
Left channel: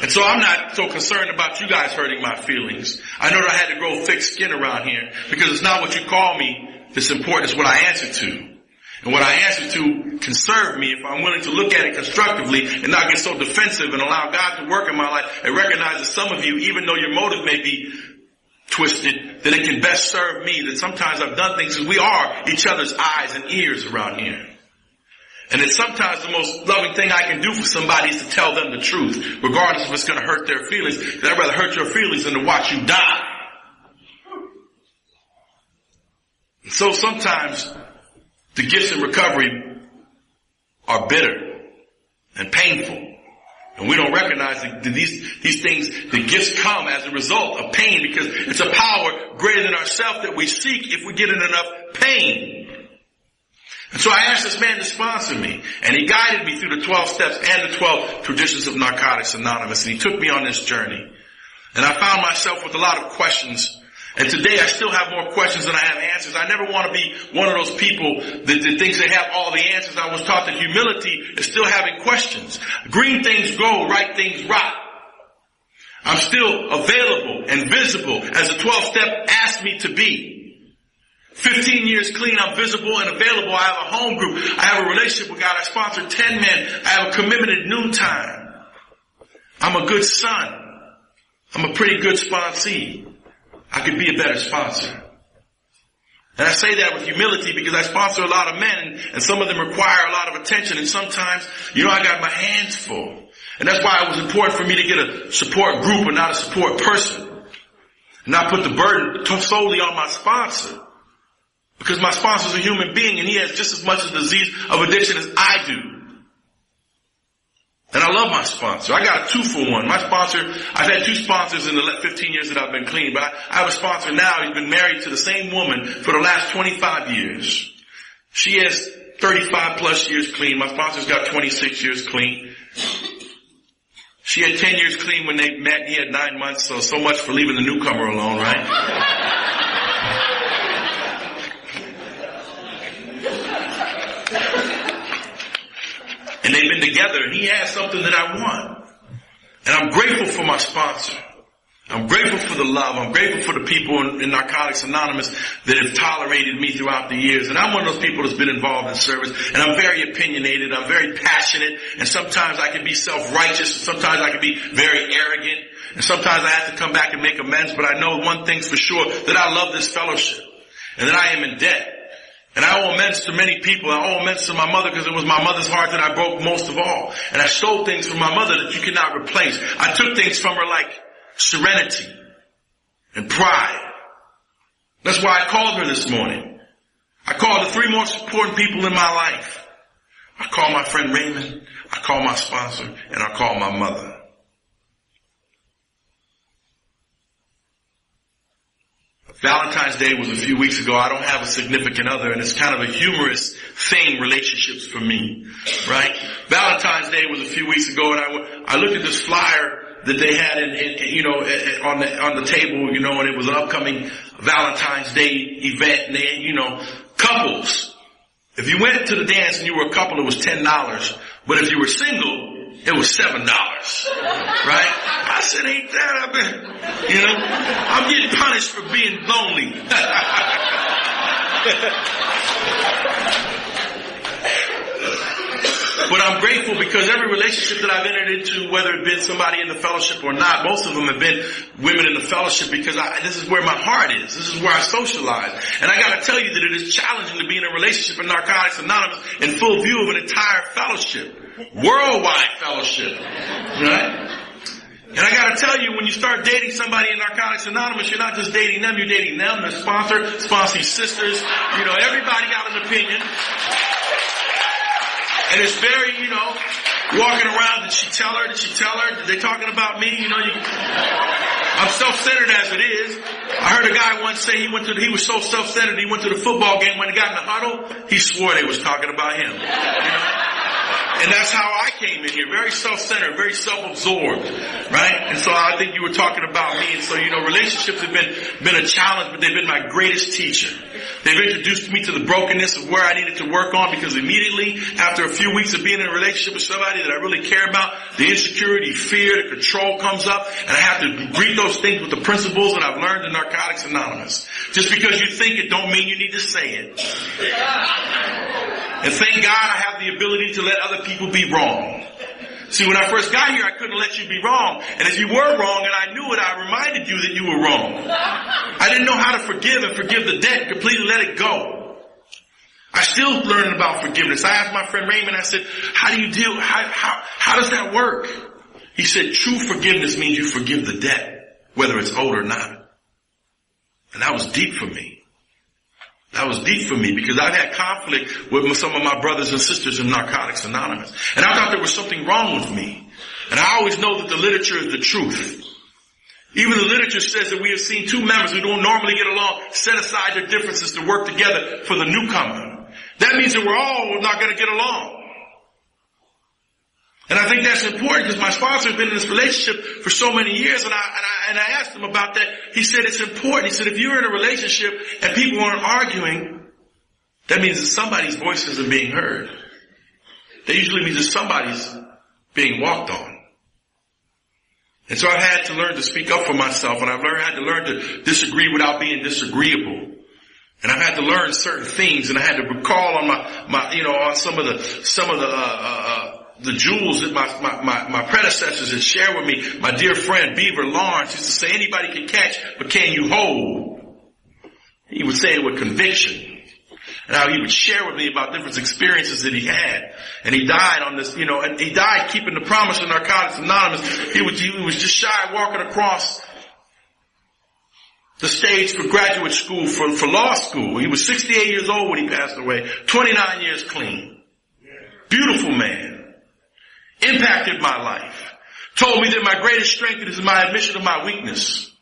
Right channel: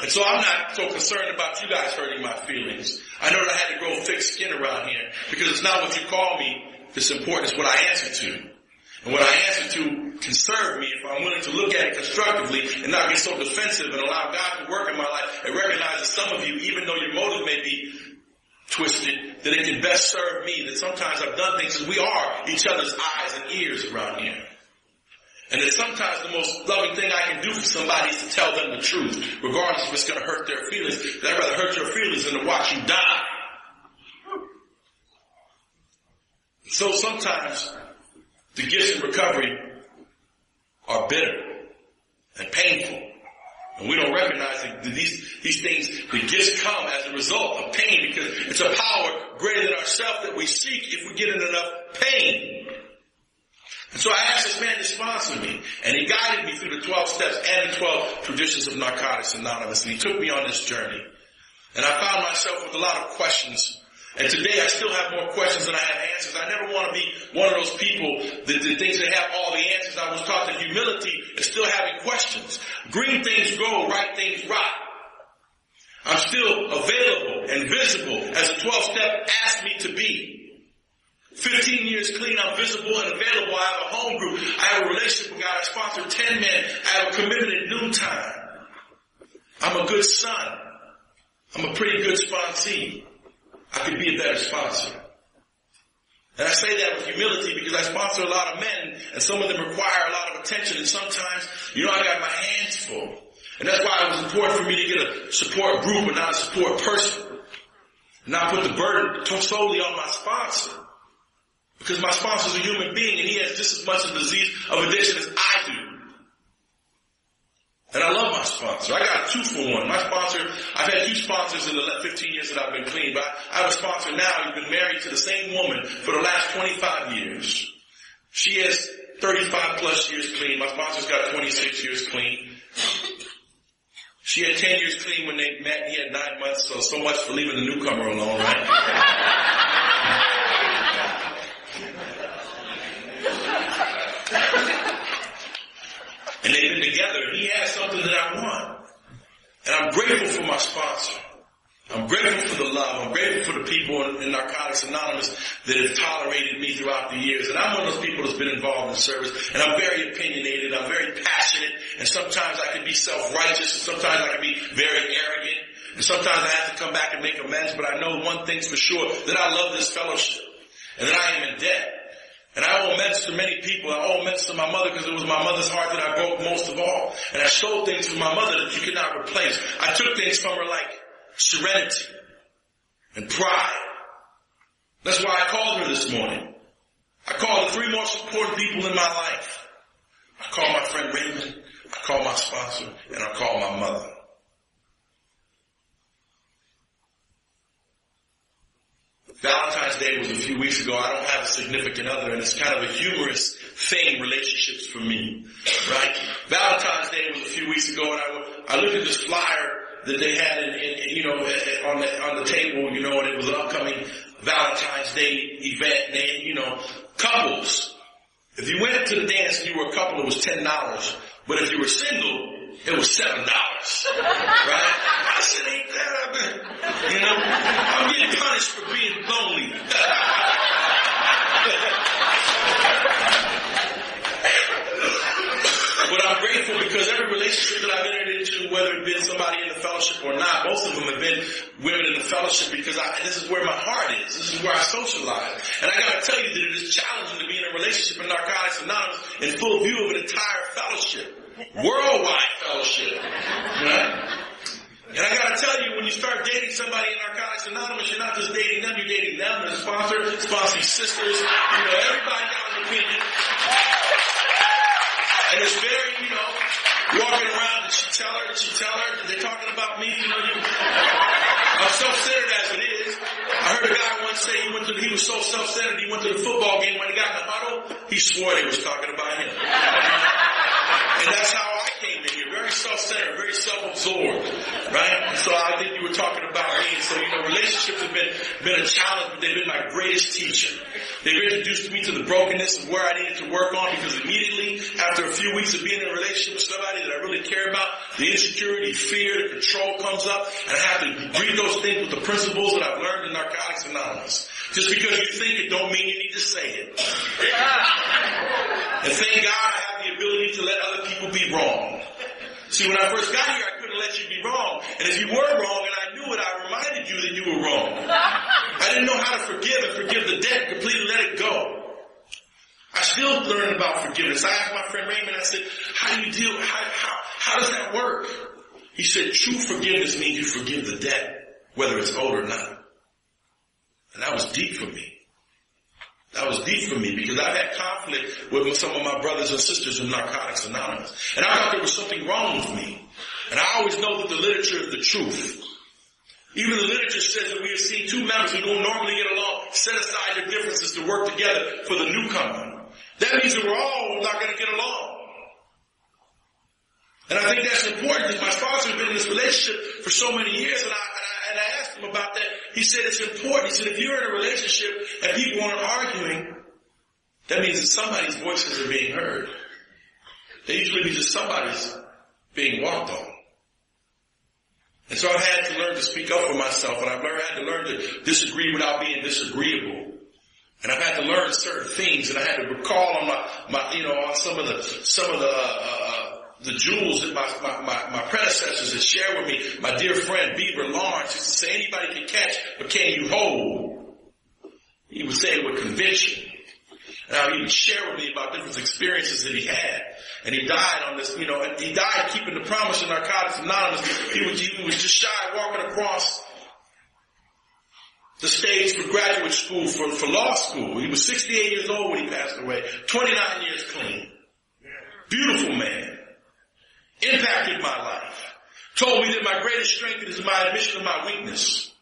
And so I'm not so concerned about you guys hurting my feelings. I know that I had to grow thick skin around here because it's not what you call me that's important. It's what I answer to. And what I answer to can serve me if I'm willing to look at it constructively and not get so defensive and allow God to work in my life and recognize that some of you, even though your motive may be twisted, that it can best serve me, that sometimes I've done things as we are each other's eyes and ears around here. And that sometimes the most loving thing I can do for somebody is to tell them the truth, regardless if it's going to hurt their feelings. Because I'd rather hurt your feelings than to watch you die. And so sometimes the gifts in recovery are bitter and painful. And we don't recognize that these things, the gifts come as a result of pain, because it's a power greater than ourselves that we seek if we get in enough pain. And so I asked this man to sponsor me, and he guided me through the 12 steps and the 12 traditions of Narcotics Anonymous, and he took me on this journey. And I found myself with a lot of questions. And today I still have more questions than I have answers. I never want to be one of those people that thinks they have all the answers. I was taught that humility is still having questions. Green things grow, right things rot. I'm still available and visible as the 12-step asked me to be. 15 years clean, I'm visible and available. I have a home group. I have a relationship with God. I sponsor 10 men. I have a commitment at noontime. I'm a good son. I'm a pretty good sponsee. I could be a better sponsor. And I say that with humility because I sponsor a lot of men, and some of them require a lot of attention, and sometimes, I got my hands full. And that's why it was important for me to get a support group and not a support person. And not put the burden solely on my sponsor. Because my sponsor's a human being, and he has just as much a disease of addiction as I do. And I love my sponsor. I got a 2-for-1. My sponsor, I've had 2 sponsors in the 15 years that I've been clean, but I have a sponsor now. He's been married to the same woman for the last 25 years. She has 35 plus years clean. My sponsor's got 26 years clean. She had 10 years clean when they met. He had 9 months, so much for leaving the newcomer alone, right? And they've been together, and he has something that I want. And I'm grateful for my sponsor. I'm grateful for the love. I'm grateful for the people in Narcotics Anonymous that have tolerated me throughout the years. And I'm one of those people that's been involved in service. And I'm very opinionated. I'm very passionate. And sometimes I can be self-righteous. Sometimes I can be very arrogant. And sometimes I have to come back and make amends. But I know one thing's for sure, that I love this fellowship. And that I am in debt. And I owe amends to many people. I owe amends to my mother because it was my mother's heart that I broke most of all. And I stole things from my mother that you cannot replace. I took things from her like serenity and pride. That's why I called her this morning. I called the 3 most important people in my life. I call my friend Raymond, I call my sponsor, and I call my mother. Valentine's Day was a few weeks ago. I don't have a significant other, and it's kind of a humorous thing, relationships for me, right? Valentine's Day was a few weeks ago, and I looked at this flyer that they had on the table, and it was an upcoming Valentine's Day event, and they had, couples. If you went to the dance and you were a couple, it was $10. But if you were single, it was $7, right? I said, ain't that, I'm getting punished for being lonely. But I'm grateful because every relationship that I've entered into, whether it been somebody in the fellowship or not, most of them have been women in the fellowship because this is where my heart is. This is where I socialize. And I gotta tell you that it is challenging to be in a relationship in Narcotics Anonymous in full view of an entire fellowship. Worldwide fellowship. Right? And I gotta tell you, when you start dating somebody in Narcotics Anonymous, you're not just dating them, you're dating them, their sponsor, sponsee sisters, everybody got an opinion. And it's very, walking around, did she tell her? Did they talking about me? I'm self-centered as it is. I heard a guy once say he was so self-centered, he went to the football game. When he got in the huddle, he swore they was talking about him. And that's how I came in here, very self-centered, very self-absorbed, right? And so I think you were talking about me. And so, relationships have been a challenge, but they've been my greatest teacher. They've introduced me to the brokenness of where I needed to work on, because immediately after a few weeks of being in a relationship with somebody that I really care about, the insecurity, fear, the control comes up, and I have to greet those things with the principles that I've learned in Narcotics Anonymous. Just because you think it don't mean you need to say it. And thank God I have the ability to let other people be wrong. See, when I first got here, I couldn't let you be wrong. And if you were wrong and I knew it, I reminded you that you were wrong. I didn't know how to forgive and forgive the debt, completely let it go. I still learning about forgiveness. I asked my friend Raymond, I said, how does that work? He said, true forgiveness means you forgive the debt, whether it's owed or not. And that was deep for me. That was deep for me because I've had conflict with some of my brothers and sisters in Narcotics Anonymous. And I thought there was something wrong with me. And I always know that the literature is the truth. Even the literature says that we have seen two members who don't normally get along set aside their differences to work together for the newcomer. That means that we're all not going to get along. And I think that's important because my sponsor has been in this relationship for so many years, and I asked him about that. He said it's important. He said if you're in a relationship and people aren't arguing, that means that somebody's voice isn't being heard. That usually means that somebody's being walked on. And so I've had to learn to speak up for myself, and I've had to learn to disagree without being disagreeable. And I've had to learn certain things, and I had to recall on on some of the jewels that my predecessors had shared with me. My dear friend Beaver Lawrence used to say, anybody can catch, but can you hold? He would say it with conviction. And how he would share with me about different experiences that he had. And he died on this, and he died keeping the promise of Narcotics Anonymous. He was just shy walking across the stage for graduate school, for law school. He was 68 years old when he passed away. 29 years clean. Beautiful man. Impacted my life. Told me that my greatest strength is my admission of my weakness.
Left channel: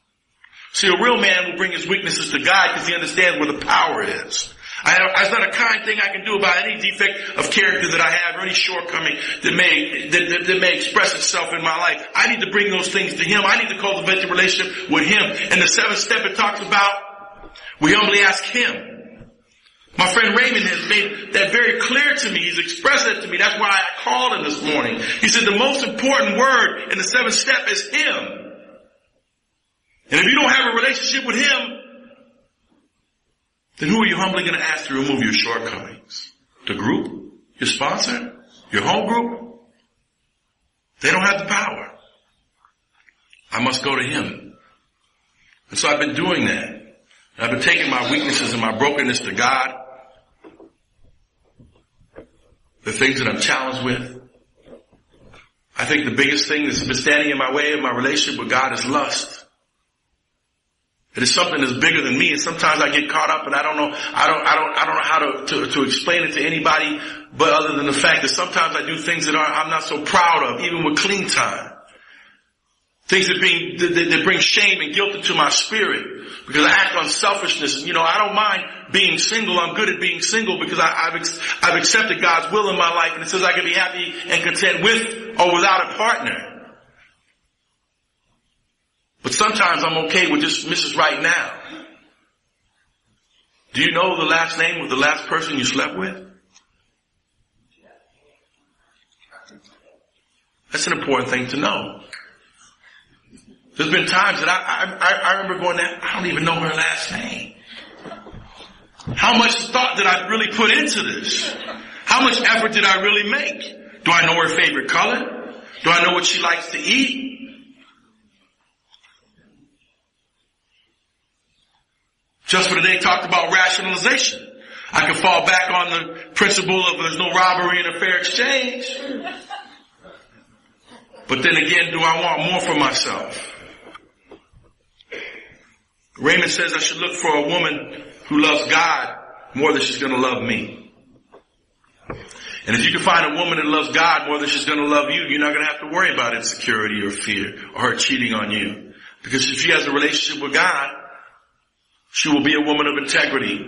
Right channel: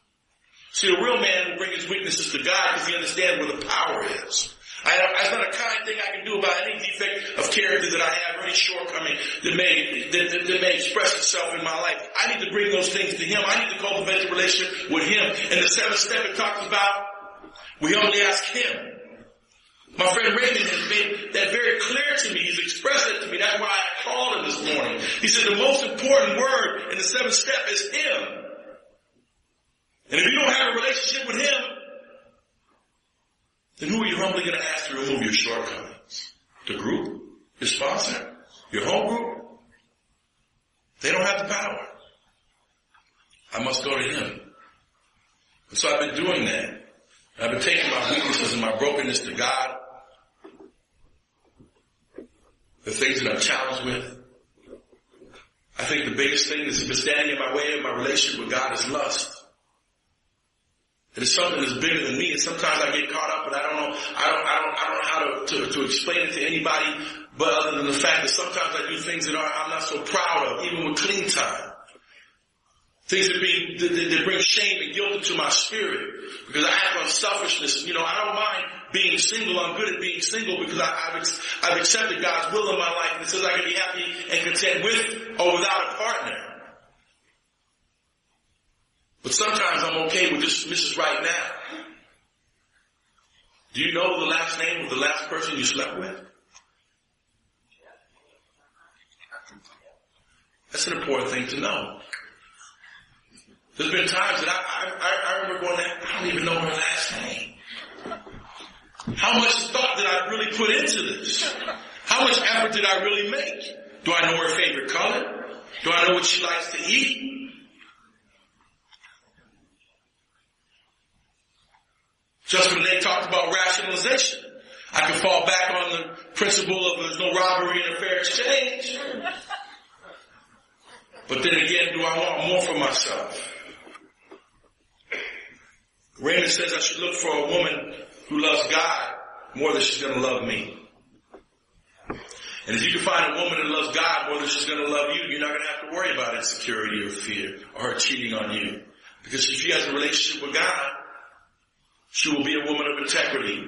See, a real man will bring his weaknesses to God because he understands where the power is. It's not a kind thing I can do about any defect of character that I have or any shortcoming that may express itself in my life. I need to bring those things to him. I need to cultivate a relationship with him. And the seventh step it talks about, we humbly ask him. My friend Raymond has made that very clear to me. He's expressed it to me. That's why I called him this morning. He said the most important word in the seventh step is him. And if you don't have a relationship with him, then who are you humbly going to ask to remove your shortcomings? The group? Your sponsor? Your home group? They don't have the power. I must go to him. And so I've been doing that. I've been taking my weaknesses and my brokenness to God. The things that I'm challenged with. I think the biggest thing that's been standing in my way of my relationship with God is lust. It is something that's bigger than me, and sometimes I get caught up, and I don't know how to explain it to anybody, but other than the fact that sometimes I do things that I'm not so proud of, even with clean time. Things that bring shame and guilt into my spirit, because I act on selfishness. I don't mind being single. I'm good at being single because I've accepted God's will in my life, and it says I can be happy and content with or without a partner. But sometimes I'm okay with just Mrs. Right Now. Do you know the last name of the last person you slept with? That's an important thing to know. There's been times that I remember going there, I don't even know her last name. How much thought did I really put into this? How much effort did I really make? Do I know her favorite color? Do I know what she likes to eat? Just for today talked about rationalization. I can fall back on the principle of there's no robbery and a fair exchange. But then again, do I want more for myself? Raymond says I should look for a woman who loves God more than she's going to love me. And if you can find a woman that loves God more than she's going to love you, you're not going to have to worry about insecurity or fear or her cheating on you. Because if she has a relationship with God, she will be a woman of integrity.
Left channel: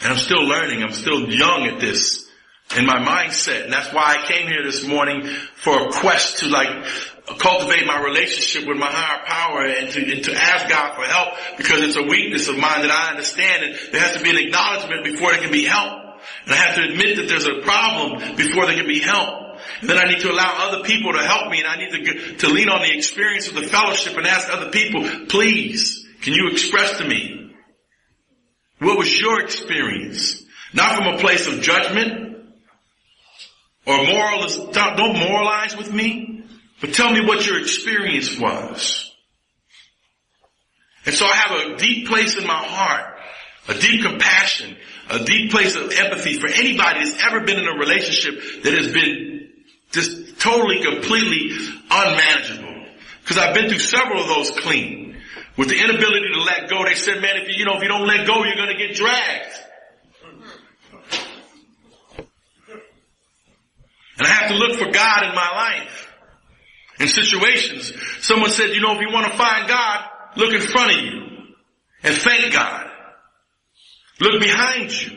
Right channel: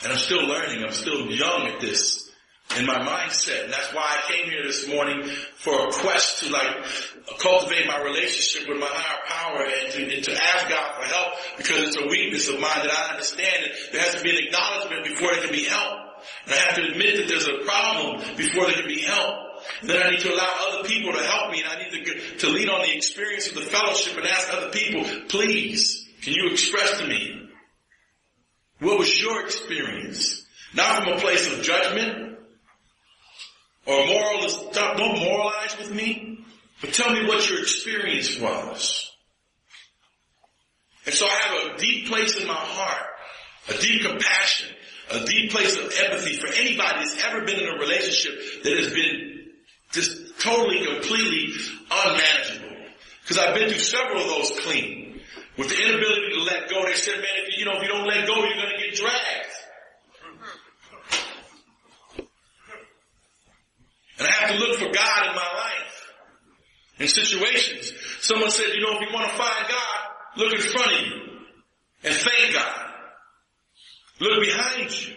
And I'm still learning. I'm still young at this in my mindset. And that's why I came here this morning for a quest to cultivate my relationship with my higher power and to ask God for help, because it's a weakness of mine that I understand. And there has to be an acknowledgement before there can be help. And I have to admit that there's a problem before there can be help. And then I need to allow other people to help me, and I need to lean on the experience of the fellowship and ask other people, please, can you express to me what was your experience? Not from a place of judgment or don't moralize with me, but tell me what your experience was. And so I have a deep place in my heart, a deep compassion, a deep place of empathy for anybody that's ever been in a relationship that has been just totally, completely unmanageable. Because I've been through several of those clean. with the inability to let go. They said, man, if you don't let go, you're going to get dragged. And I have to look for God in my life. In situations, someone said, if you want to find God, look in front of you and thank God. Look behind you.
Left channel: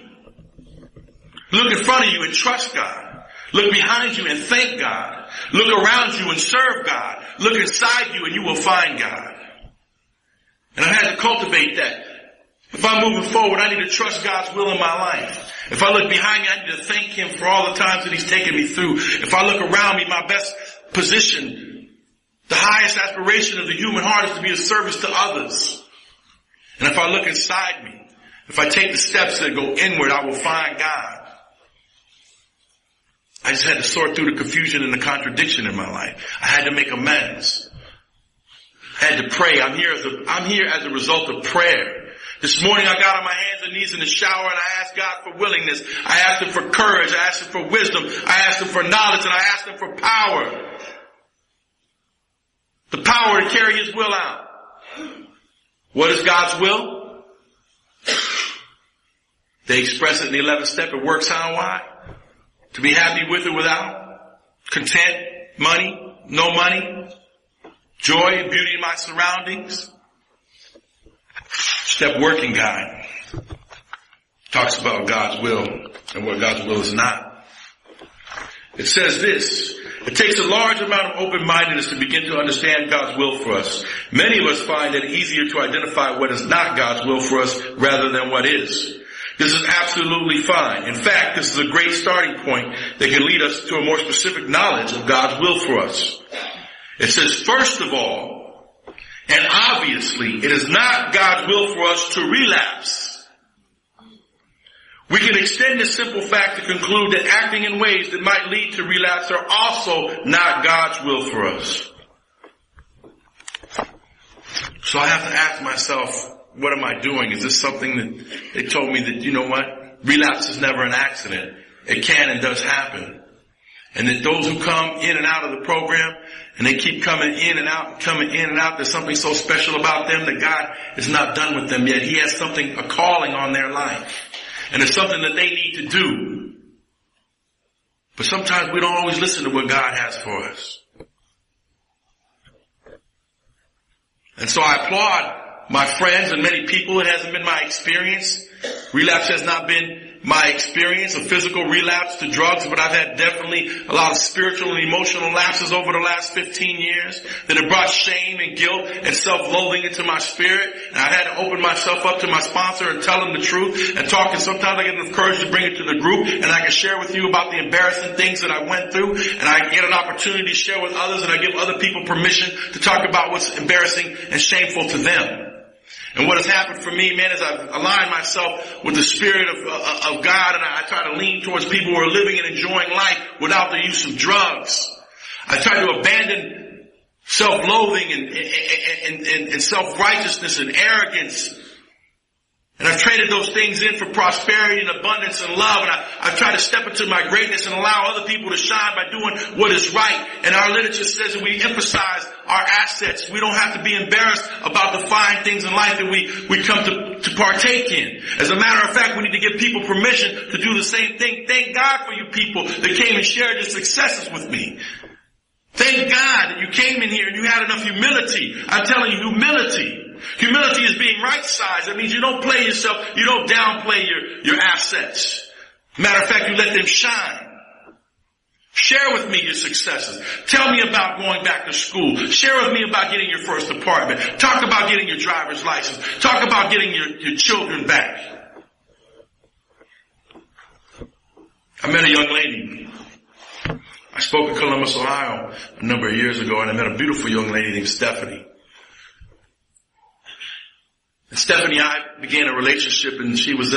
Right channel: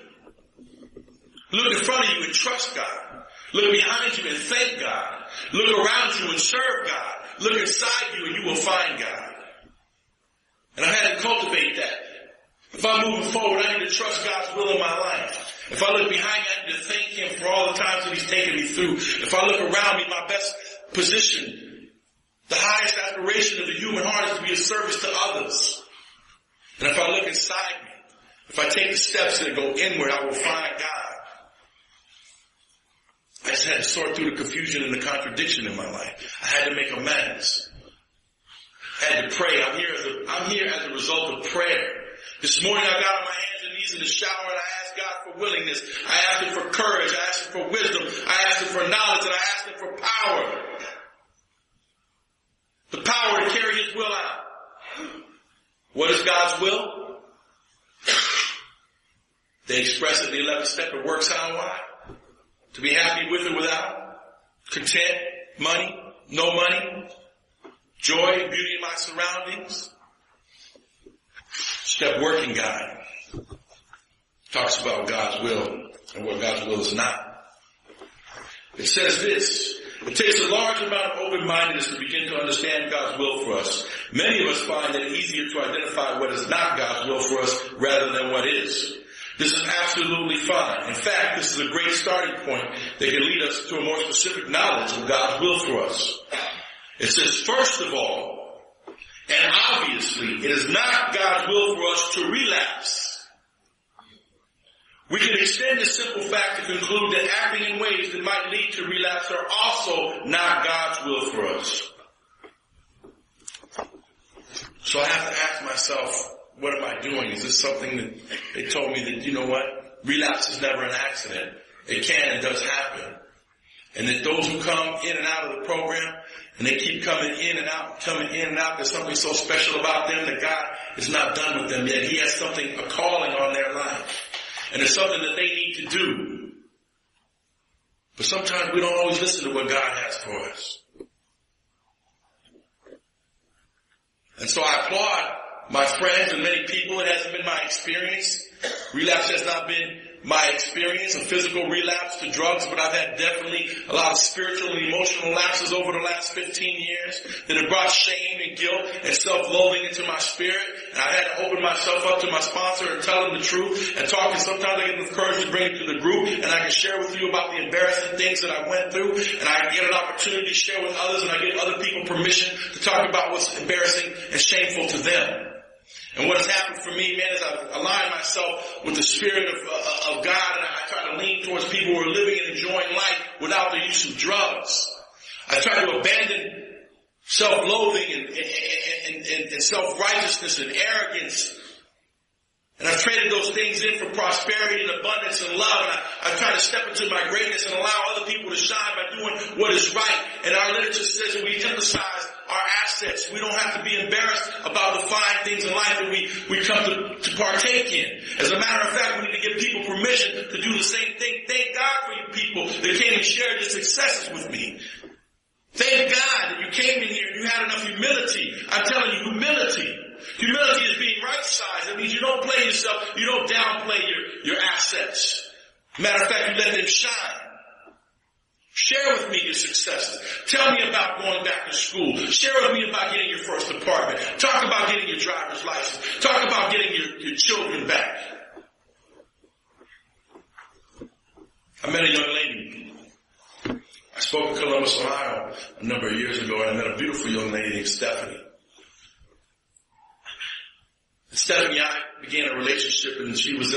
Look in front of you and trust God. Look behind you and thank God. Look around you and serve God. Look inside you and you will find God. And I had to cultivate that. If I'm moving forward, I need to trust God's will in my life. If I look behind me, I need to thank Him for all the times that He's taken me through. If I look around me, my best position, the highest aspiration of the human heart is to be of service to others. And if I look inside me, if I take the steps that go inward, I will find God. I just had to sort through the confusion and the contradiction in my life. I had to make amends. I had to pray. I'm here as a result of prayer. This morning I got on my hands and knees in the shower and I asked God for willingness. I asked Him for courage. I asked Him for wisdom. I asked Him for knowledge, and I asked Him for power. The power to carry His will out. What is God's will? They express it in the 11th step. It works how and why? To be happy with or without. Content, money, no money. Joy, beauty in my surroundings. Step working guide talks about God's will and what God's will is not. It says this: it takes a large amount of open-mindedness to begin to understand God's will for us. Many of us find it easier to identify what is not God's will for us rather than what is. This is absolutely fine. In fact, this is a great starting point that can lead us to a more specific knowledge of God's will for us. It says, first of all, and obviously, it is not God's will for us to relapse. We can extend this simple fact to conclude that acting in ways that might lead to relapse are also not God's will for us. So I have to ask myself, what am I doing? Is this something that they told me that, relapse is never an accident. It can and does happen. And that those who come in and out of the program, and they keep coming in and out, there's something so special about them that God is not done with them yet. He has a calling on their life. And it's something that they need to do. But sometimes we don't always listen to what God has for us. And so I applaud my friends and many people. It hasn't been my experience. Relapse has not been my experience, a physical relapse to drugs, but I've had definitely a lot of spiritual and emotional lapses over the last 15 years that have brought shame and guilt and self-loathing into my spirit. And I've had to open myself up to my sponsor and tell him the truth and talk. And sometimes I get enough courage to bring it to the group, and I can share with you about the embarrassing things that I went through. And I get an opportunity to share with others, and I give other people permission to talk about what's embarrassing and shameful to them. And what has happened for me, man, is I've aligned myself with the Spirit of God, and I try to lean towards people who are living and enjoying life without the use of drugs. I try to abandon self-loathing and self-righteousness and arrogance. And I've traded those things in for prosperity and abundance and love. And I've tried to step into my greatness and allow other people to shine by doing what is right. And our literature says that we emphasize our assets. We don't have to be embarrassed about the fine things in life that we come to partake in. As a matter of fact, we need to give people permission to do the same thing. Thank God for you people that came and shared your successes with me. Thank God that you came in here and you had enough humility. I'm telling you, humility. Humility is being right-sized. That means you don't play yourself. You don't downplay your assets. Matter of fact, you let them shine. Share with me your successes. Tell me about going back to school. Share with me about getting your first apartment. Talk about getting your driver's license. Talk about getting your children back. I met a young lady. I spoke in Columbus, Ohio a number of years ago, and I met a beautiful young lady named Stephanie. And Stephanie and I began a relationship, and she was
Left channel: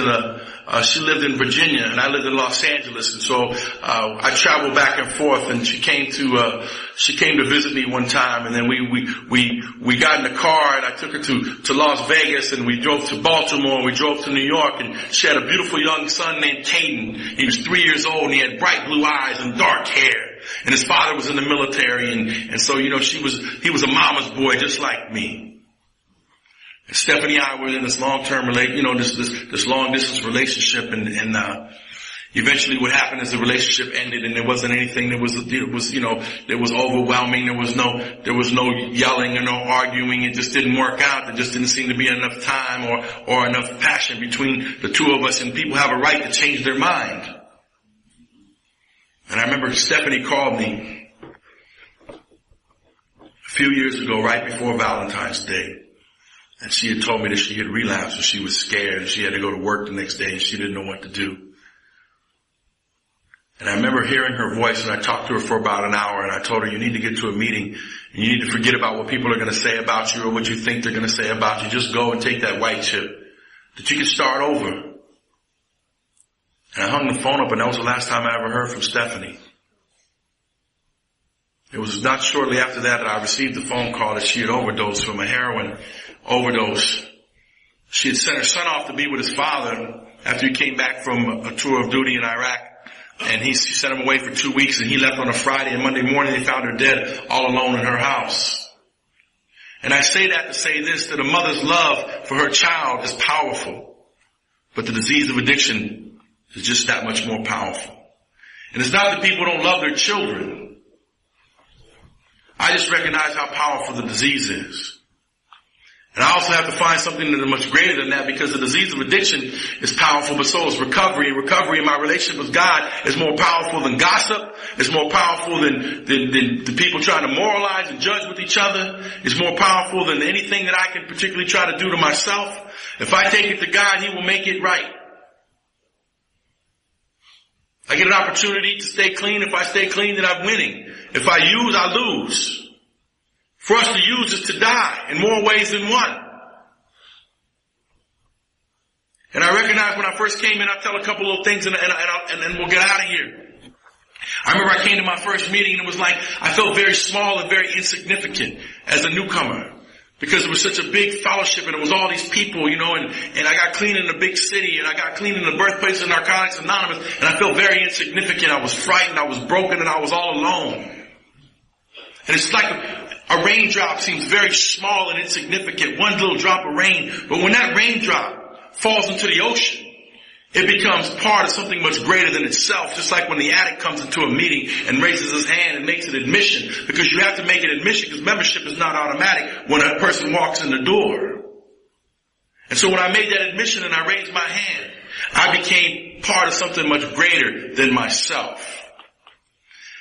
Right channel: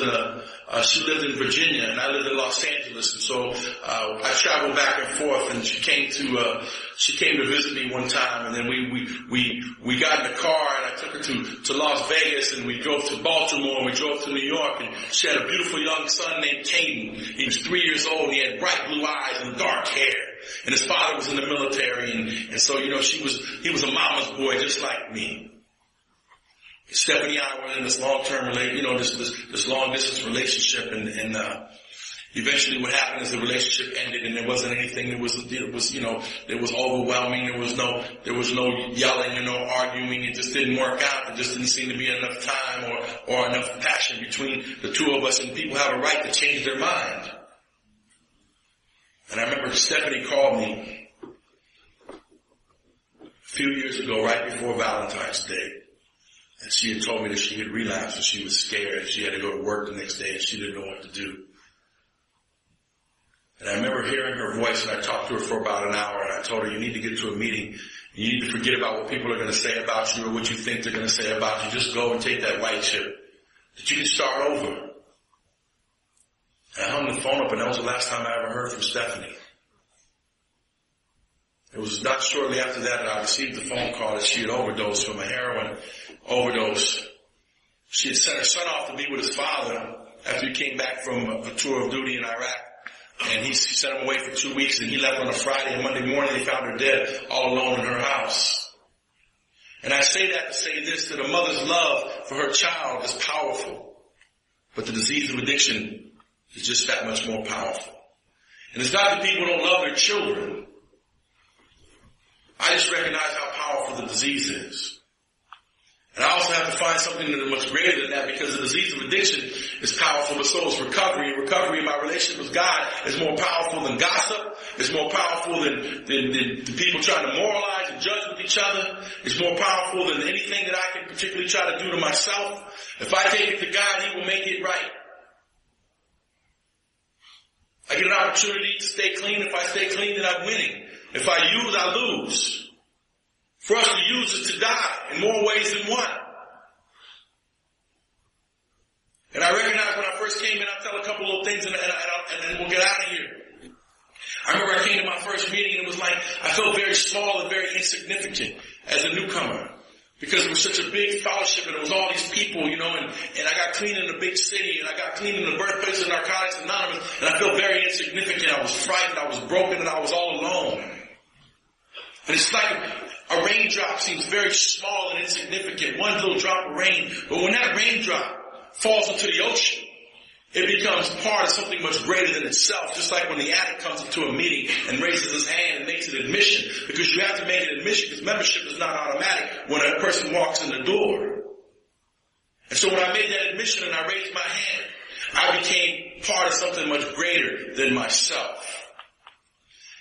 she lived in Virginia, and I lived in Los Angeles, and so I traveled back and forth, and she came to visit me one time, and then we got in the car, and I took her to Las Vegas, and we drove to Baltimore, and we drove to New York, and she had a beautiful young son named Caden. He was 3 years old, and he had bright blue eyes and dark hair, and his father was in the military, and so he was a mama's boy just like me. Stephanie and I were in this long-term this long-distance relationship, and eventually what happened is the relationship ended, and there wasn't anything that was overwhelming. There was no yelling or no arguing. It just didn't work out. There just didn't seem to be enough time or enough passion between the two of us, and people have a right to change their mind. And I remember Stephanie called me a few years ago, right before Valentine's Day. And she had told me that she had relapsed, and she was scared, and she had to go to work the next day, and she didn't know what to do. And I remember hearing her voice, and I talked to her for about an hour, and I told her, you need to get to a meeting, and you need to forget about what people are going to say about you or what you think they're going to say about you. Just go and take that white chip, that you can start over. And I hung the phone up, and that was the last time I ever heard from Stephanie. It was not shortly after that I received the phone call that she had overdosed from a heroin overdose. She had sent her son off to be with his father after he came back from a tour of duty in Iraq. And he sent him away for 2 weeks, and he left on a Friday, and Monday morning they found her dead all alone in her house. And I say that to say this, that a mother's love for her child is powerful, but the disease of addiction is just that much more powerful. And it's not that people don't love their children. I just recognize how powerful the disease is. And I also have to find something that is much greater than that, because the disease of addiction is powerful, but so is recovery. And recovery in my relationship with God is more powerful than gossip. It's more powerful than the people trying to moralize and judge with each other. It's more powerful than anything that I can particularly try to do to myself. If I take it to God, He will make it right. I get an opportunity to stay clean. If I stay clean, then I'm winning. If I use, I lose. For us to use is to die in more ways than one. And I recognize when I first came in, I'll tell a couple little things and then we'll get out of here. I remember I came to my first meeting, and it was like I felt very small and very insignificant as a newcomer, because it was such a big fellowship, and it was all these people, and I got clean in a big city, and I got clean in the birthplace of Narcotics Anonymous, and I felt very insignificant. I was frightened, I was broken, and I was all alone. And it's like a raindrop seems very small and insignificant, one little drop of rain. But when that raindrop falls into the ocean, it becomes part of something much greater than itself. Just like when the addict comes into a meeting and raises his hand and makes an admission, because you have to make an admission, because membership is not automatic when a person walks in the door. And so when I made that admission and I raised my hand, I became part of something much greater than myself.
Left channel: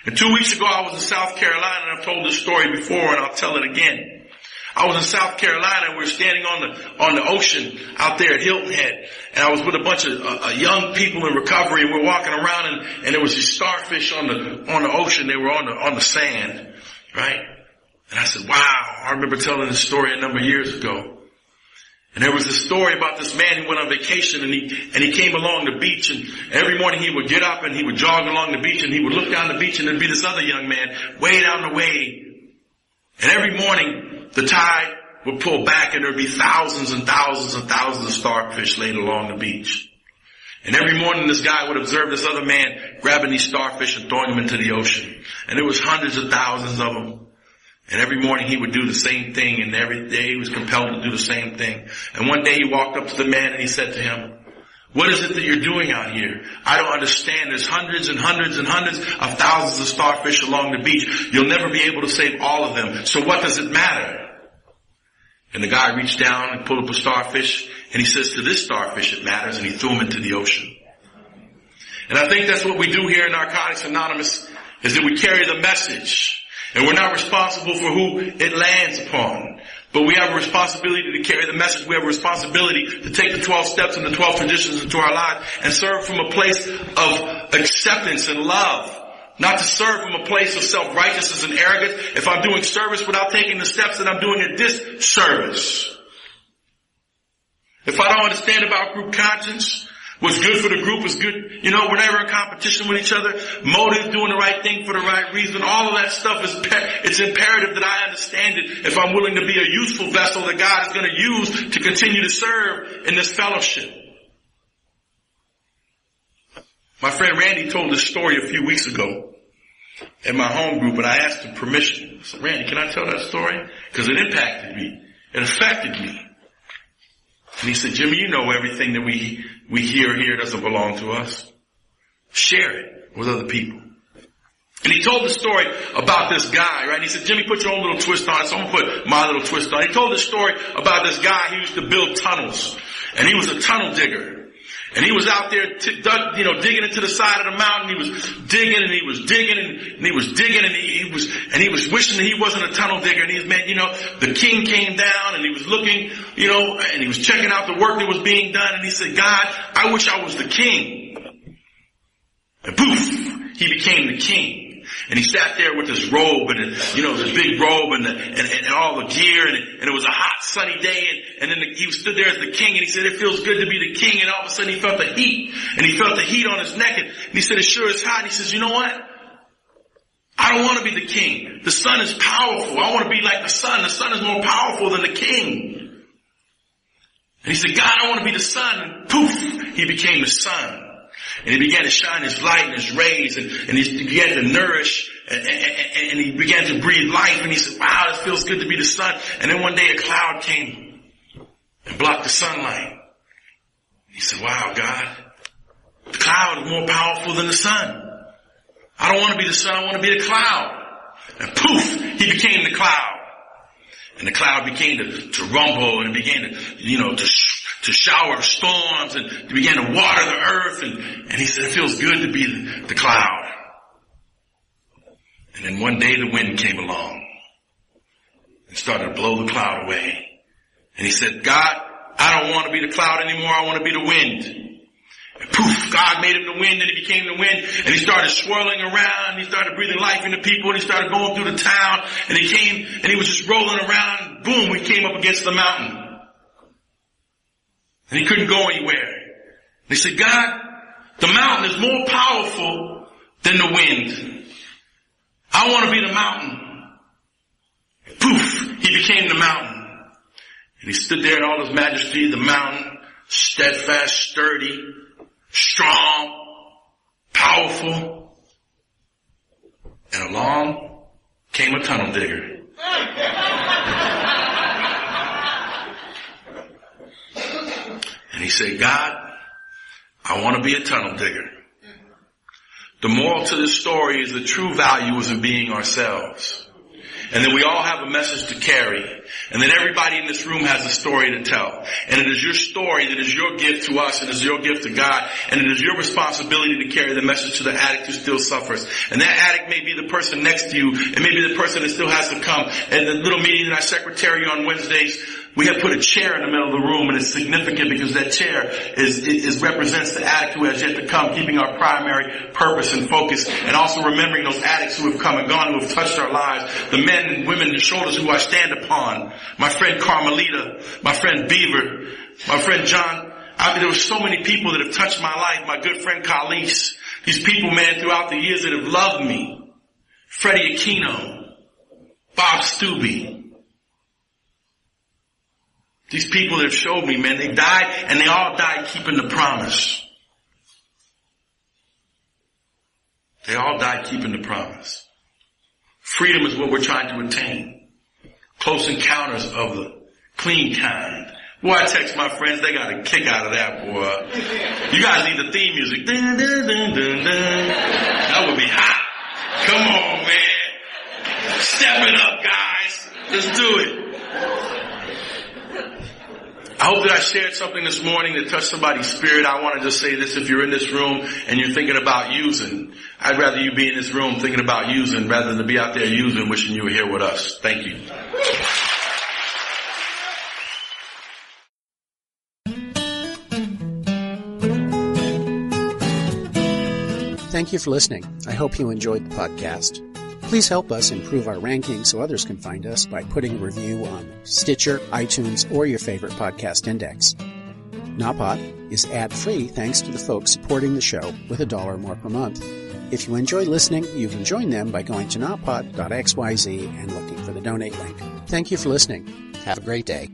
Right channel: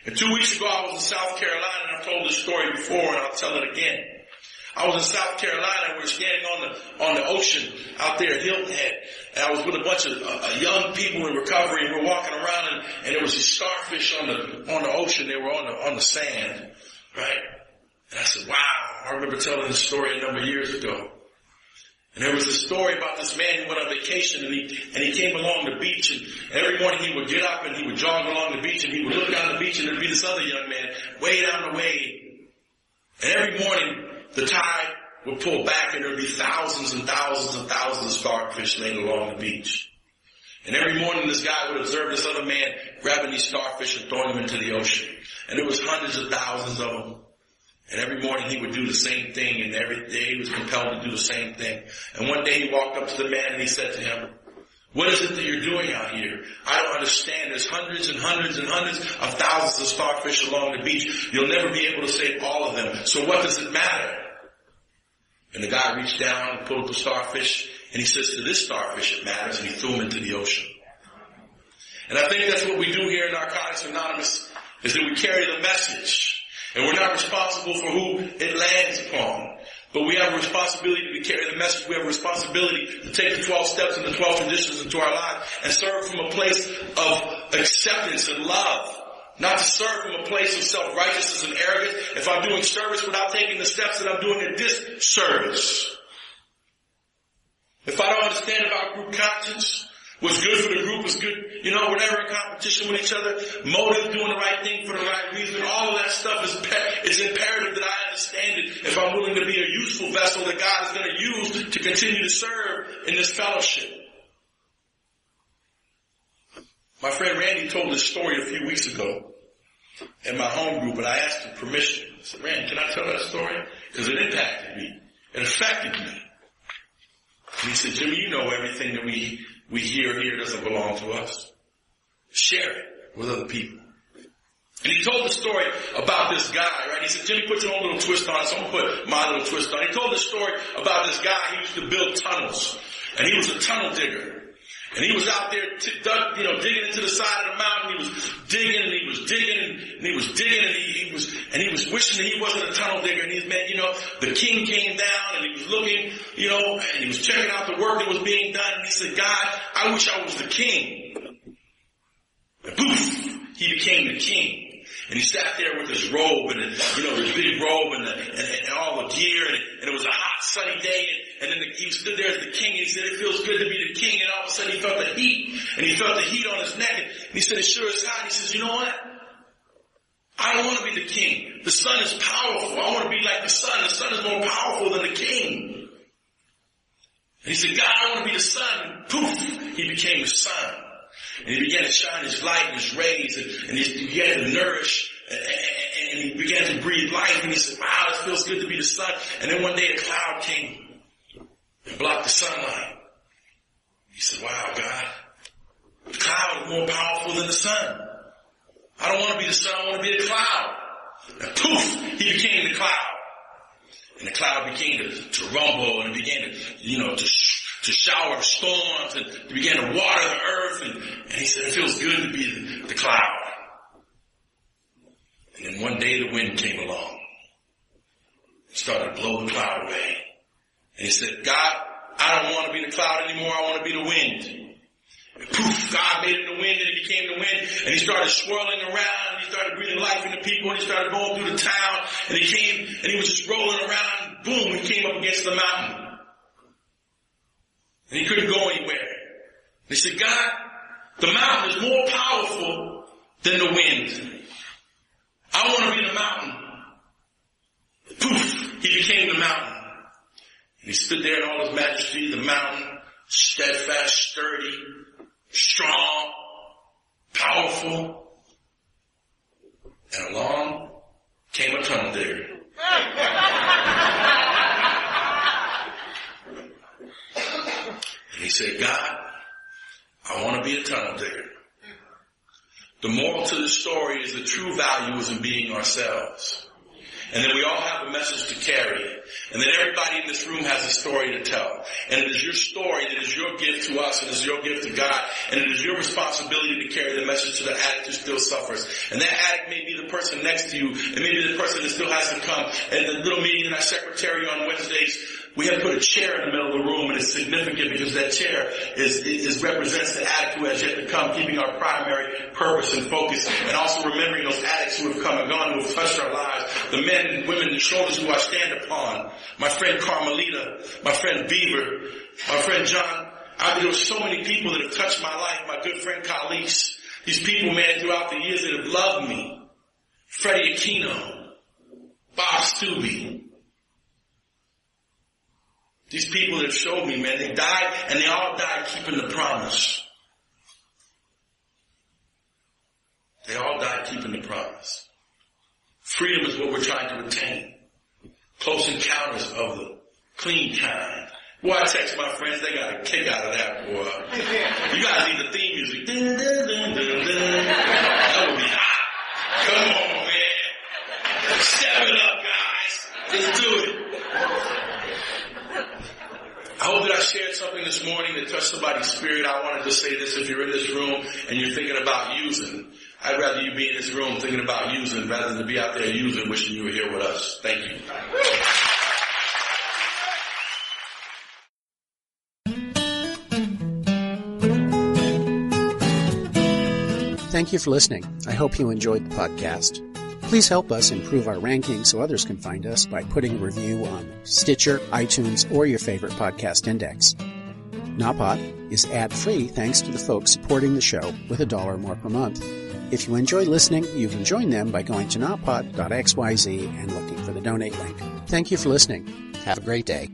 And 2 weeks ago, I was in South Carolina, and I've told this story before, and I'll tell it again. I was in South Carolina, and we were standing on the ocean out there at Hilton Head, and I was with a bunch of young people in recovery, and we're walking around, and there was these starfish on the ocean. They were on the sand, right? And I said, wow, I remember telling this story a number of years ago. And there was a story about this man who went on vacation, and he came along the beach, and every morning he would get up and he would jog along the beach, and he would look down the beach, and there'd be this other young man way down the way. And every morning the tide would pull back, and there'd be thousands and thousands and thousands of starfish laid along the beach. And every morning this guy would observe this other man grabbing these starfish and throwing them into the ocean. And there was hundreds of thousands of them. And every morning he would do the same thing, and every day he was compelled to do the same thing. And one day he walked up to the man and he said to him, what is it that you're doing out here? I don't understand. There's hundreds and hundreds and hundreds of thousands of starfish along the beach. You'll never be able to save all of them. So what does it matter? And the guy reached down and pulled up a starfish, and he says, to this starfish it matters, and he threw him into the ocean. And I think that's what we do here in Narcotics Anonymous, is that we carry the message. And we're not responsible for who it lands upon. But we have a responsibility to carry the message. We have a responsibility to take the 12 steps and the 12 traditions into our lives and serve from a place of acceptance and love. Not to serve from a place of self-righteousness and arrogance. If I'm doing service without taking the steps, then I'm doing a disservice. If I don't understand about group conscience, what's good for the group is good. We're never in competition with each other. Motive, doing the right thing for the right reason. All of that stuff it's imperative that I understand it if I'm willing to be a useful vessel that God is going to use to continue to serve in this fellowship. My friend Randy told this story a few weeks ago at my home group, and I asked him permission. I said, Randy, can I tell that story? Because it impacted me. It affected me. And he said, Jimmy, you know everything that we hear here doesn't belong to us. Share it with other people. And he told the story about this guy, right? He said, Jimmy, put your own little twist on it, so I'm going to put my little twist on it. He told the story about this guy who used to build tunnels. And he was a tunnel digger. And he was out there, digging into the side of the mountain. He was digging and he was digging and he was digging and he was wishing that he wasn't a tunnel digger. And he was, the king came down and he was looking, and he was checking out the work that was being done. And he said, God, I wish I was the king. And poof, he became the king. And he sat there with this robe and, this big robe and all the gear and it was a hot sunny day and then he stood there as the king and he said, it feels good to be the king, and all of a sudden he felt the heat and he felt the heat on his neck and he said, it sure is hot. And he says, you know what? I don't want to be the king. The sun is powerful. I want to be like the sun. The sun is more powerful than the king. And he said, God, I want to be the sun. And poof, he became the sun. And he began to shine his light and his rays and he began to nourish and he began to breathe life. And he said, wow, this feels good to be the sun. And then one day a cloud came and blocked the sunlight. He said, wow, God, the cloud is more powerful than the sun. I don't want to be the sun, I want to be the cloud. And poof, he became the cloud. And the cloud began to rumble and it began to shower storms and it began to water the earth. And he said, it feels good to be the cloud. And then one day the wind came along and started to blow the cloud away. And he said, God, I don't want to be the cloud anymore. I want to be the wind. And poof, God made him the wind and he became the wind. And he started swirling around. And he started breathing life into people. And he started going through the town. And he came and he was just rolling around. Boom, he came up against the mountain. And he couldn't go anywhere. And he said, God, the mountain is more powerful than the wind. I want to be the mountain. Poof, he became the mountain. And he stood there in all his majesty, the mountain, steadfast, sturdy, strong, powerful. And along came a tunnel digger. And he said, God, I want to be a tunnel digger. The moral to this story is the true value is in being ourselves. And then we all have a message to carry. And then everybody in this room has a story to tell. And it is your story that is your gift to us and is your gift to God. And it is your responsibility to carry the message to the addict who still suffers. And that addict may be the person next to you. It may be the person that still has to come. And the little meeting in our secretary on Wednesdays, we have put a chair in the middle of the room, and it's significant because that chair represents the addict who has yet to come, keeping our primary purpose and focus, and also remembering those addicts who have come and gone, who have touched our lives, the men and women, the shoulders who I stand upon, my friend Carmelita, my friend Beaver, my friend John. There were so many people that have touched my life, my good friend Khalees. These people, man, throughout the years that have loved me. Freddie Aquino, Bob Stubbe. These people that have showed me, man, they died, and they all died keeping the promise. They all died keeping the promise. Freedom is what we're trying to attain. Close encounters of the clean kind. Boy, I text my friends, they got a kick out of that, boy. You guys need the theme music. Dun, dun, dun, dun, dun. That would be hot. Come on, man. Step it up, guys. Let's do it. I hope that I shared something this morning that touched somebody's spirit. I want to just say this: if you're in this room and you're thinking about using, I'd rather you be in this room thinking about using rather than be out there using, wishing you were here with us. Thank you. Thank you for listening. I hope you enjoyed the podcast. Please help us improve our ranking so others can find us by putting a review on Stitcher, iTunes, or your favorite podcast index. Napod is ad-free thanks to the folks supporting the show with $1 or more per month. If you enjoy listening, you can join them by going to napod.xyz and looking for the donate link. Thank you for listening. Have a great day.